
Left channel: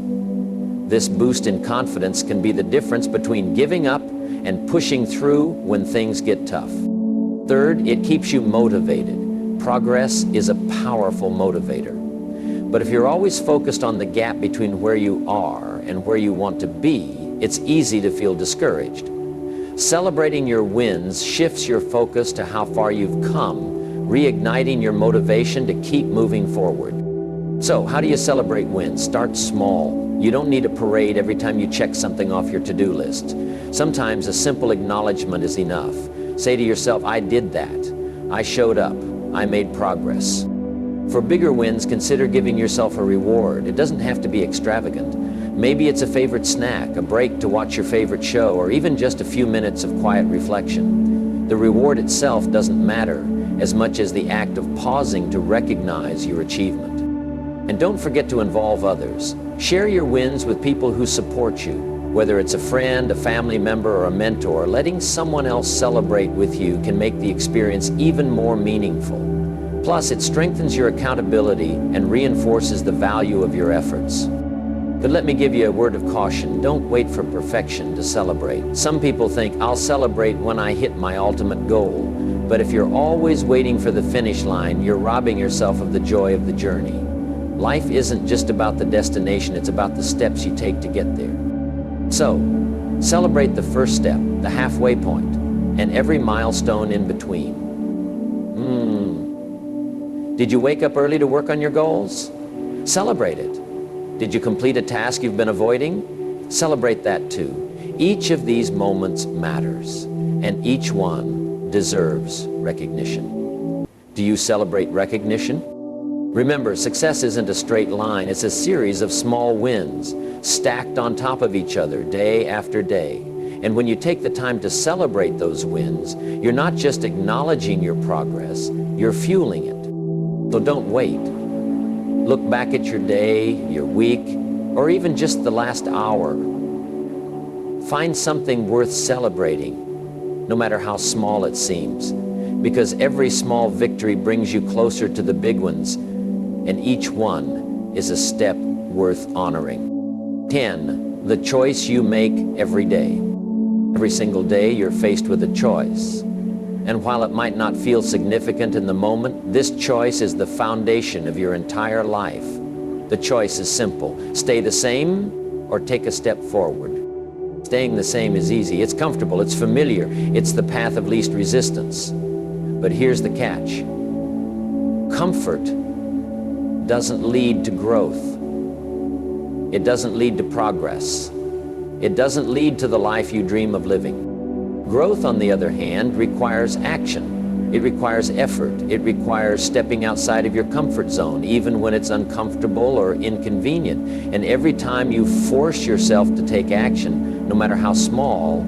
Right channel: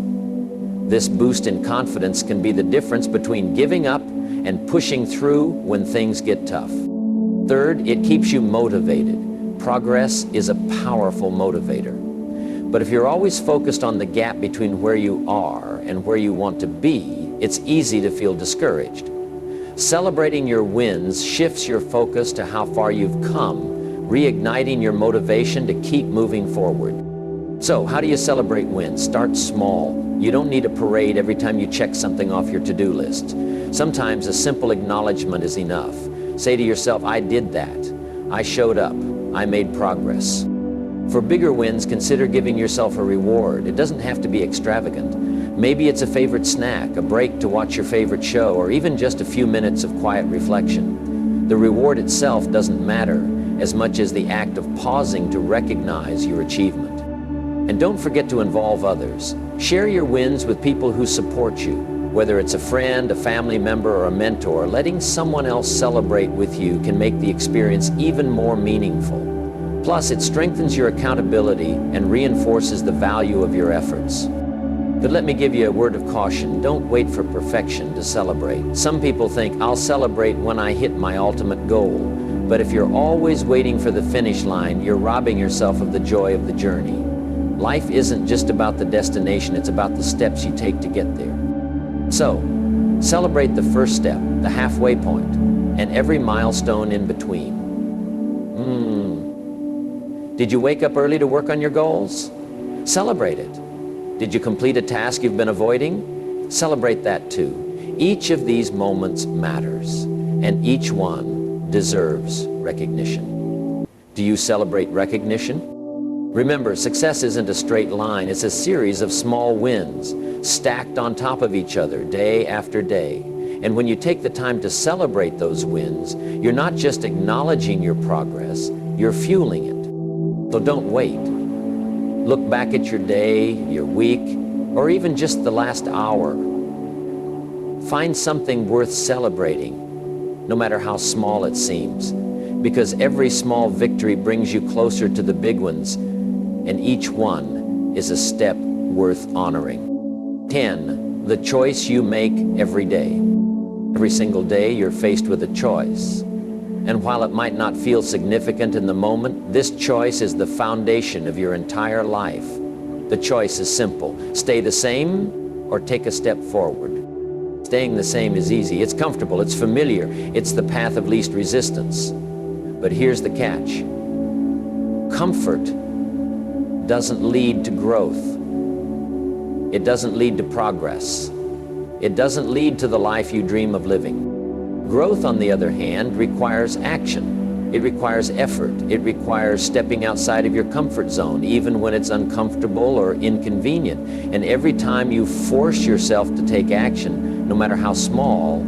This boost in confidence can be the difference between giving up and pushing through when things get tough. Third, it keeps you motivated. Progress is a powerful motivator. But if you're always focused on the gap between where you are and where you want to be, it's easy to feel discouraged. Celebrating your wins shifts your focus to how far you've come, reigniting your motivation to keep moving forward. So, how do you celebrate wins? Start small. You don't need a parade every time you check something off your to-do list. Sometimes a simple acknowledgement is enough. Say to yourself, I did that. I showed up. I made progress. For bigger wins, consider giving yourself a reward. It doesn't have to be extravagant. Maybe it's a favorite snack, a break to watch your favorite show, or even just a few minutes of quiet reflection. The reward itself doesn't matter as much as the act of pausing to recognize your achievement. And don't forget to involve others. Share your wins with people who support you. Whether it's a friend, a family member, or a mentor, letting someone else celebrate with you can make the experience even more meaningful. Plus, it strengthens your accountability and reinforces the value of your efforts. But let me give you a word of caution. Don't wait for perfection to celebrate. Some people think, I'll celebrate when I hit my ultimate goal. But if you're always waiting for the finish line, you're robbing yourself of the joy of the journey. Life isn't just about the destination, it's about the steps you take to get there. So, celebrate the first step, the halfway point, and every milestone in between. Did you wake up early to work on your goals? Celebrate it. Did you complete a task you've been avoiding? Celebrate that too. Each of these moments matters, and each one deserves recognition. Do you celebrate recognition? Remember, success isn't a straight line. It's a series of small wins, stacked on top of each other day after day. And when you take the time to celebrate those wins, you're not just acknowledging your progress, you're fueling it. So don't wait. Look back at your day, your week, or even just the last hour. Find something worth celebrating, no matter how small it seems, because every small victory brings you closer to the big ones, and each one is a step worth honoring. 10. The choice you make every day. Every single day you're faced with a choice. And while it might not feel significant in the moment, this choice is the foundation of your entire life. The choice is simple. Stay the same or take a step forward. Staying the same is easy. It's comfortable. It's familiar. It's the path of least resistance. But here's the catch. Comfort doesn't lead to growth. It doesn't lead to progress. It doesn't lead to the life you dream of living. Growth, on the other hand, requires action. It requires effort. It requires stepping outside of your comfort zone, even when it's uncomfortable or inconvenient. And every time you force yourself to take action, no matter how small,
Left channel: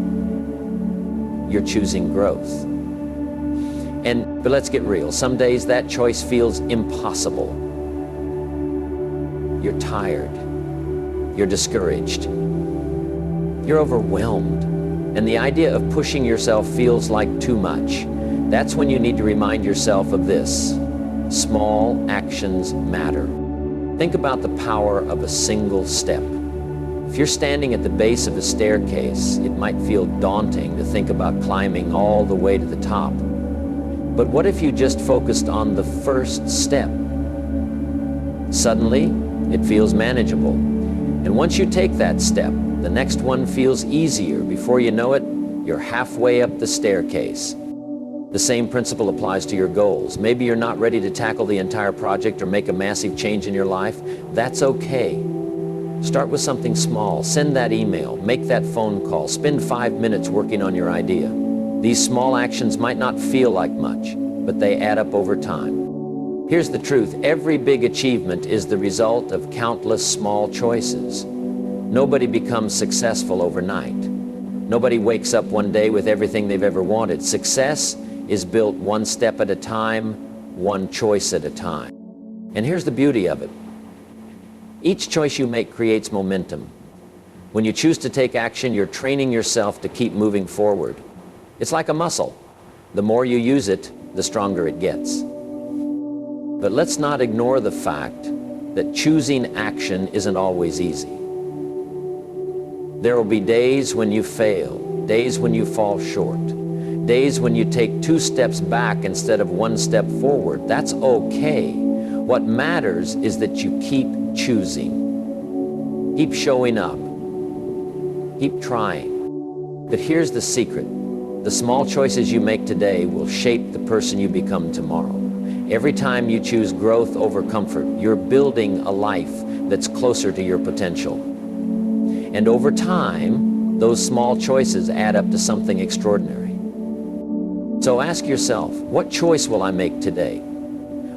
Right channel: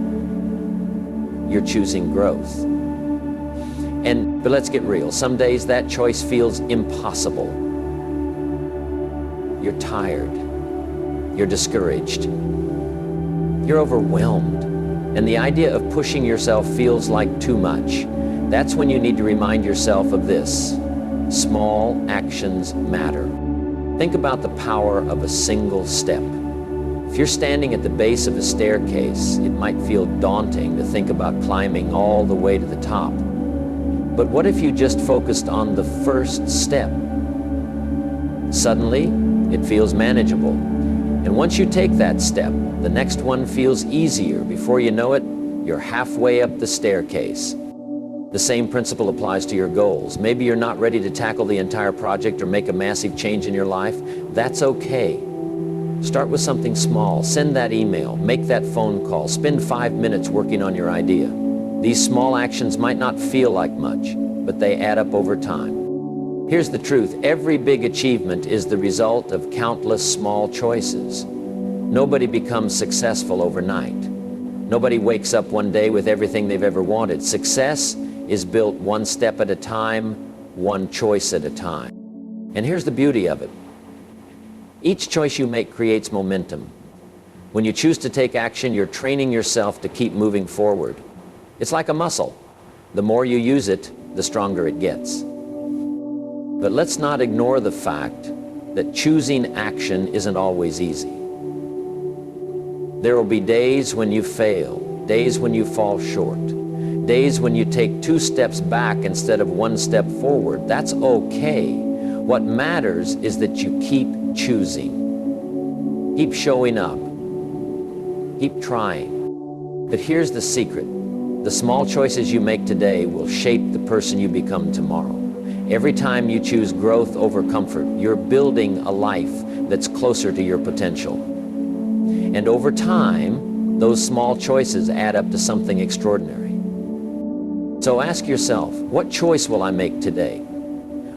you're choosing growth. But let's get real. Some days that choice feels impossible. You're tired. You're discouraged. You're overwhelmed. And the idea of pushing yourself feels like too much. That's when you need to remind yourself of this: small actions matter. Think about the power of a single step. If you're standing at the base of a staircase, it might feel daunting to think about climbing all the way to the top. But what if you just focused on the first step? Suddenly, it feels manageable. And once you take that step, the next one feels easier. Before you know it, you're halfway up the staircase. The same principle applies to your goals. Maybe you're not ready to tackle the entire project or make a massive change in your life. That's okay. Start with something small. Send that email, make that phone call, spend 5 minutes working on your idea. These small actions might not feel like much, but they add up over time. Here's the truth: every big achievement is the result of countless small choices. Nobody becomes successful overnight. Nobody wakes up one day with everything they've ever wanted. Success is built one step at a time, one choice at a time. And here's the beauty of it: each choice you make creates momentum. When you choose to take action, you're training yourself to keep moving forward. It's like a muscle. The more you use it, the stronger it gets. But let's not ignore the fact that choosing action isn't always easy. There will be days when you fail, days when you fall short, days when you take 2 steps back instead of 1 step forward. That's okay. What matters is that you keep choosing. Keep showing up. Keep trying. But here's the secret: the small choices you make today will shape the person you become tomorrow. Every time you choose growth over comfort, you're building a life that's closer to your potential. And over time, those small choices add up to something extraordinary. So ask yourself, what choice will I make today?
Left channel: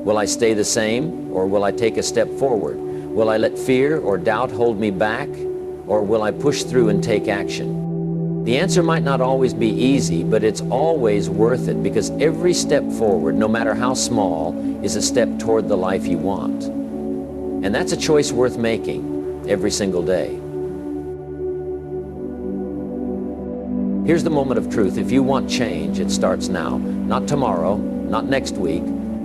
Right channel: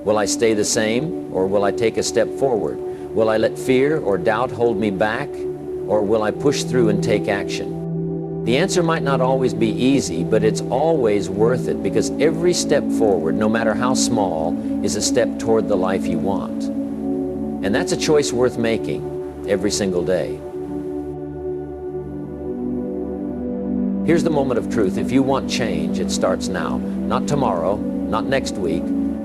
Will I stay the same, or will I take a step forward? Will I let fear or doubt hold me back, or will I push through and take action? The answer might not always be easy, but it's always worth it, because every step forward, no matter how small, is a step toward the life you want. And that's a choice worth making every single day. Here's the moment of truth. If you want change, it starts now. Not tomorrow, not next week,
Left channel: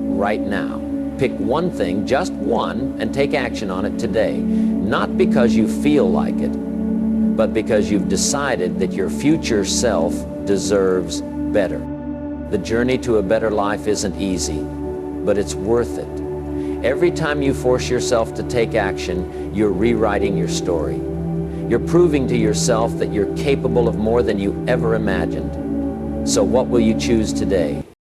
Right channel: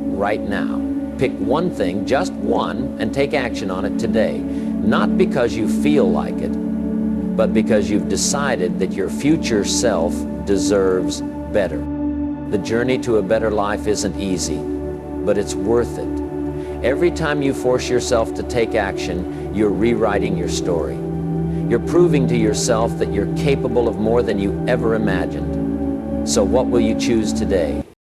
right now. Pick one thing, just one, and take action on it today. Not because you feel like it, but because you've decided that your future self deserves better. The journey to a better life isn't easy, but it's worth it. Every time you force yourself to take action, you're rewriting your story. You're proving to yourself that you're capable of more than you ever imagined. So what will you choose today?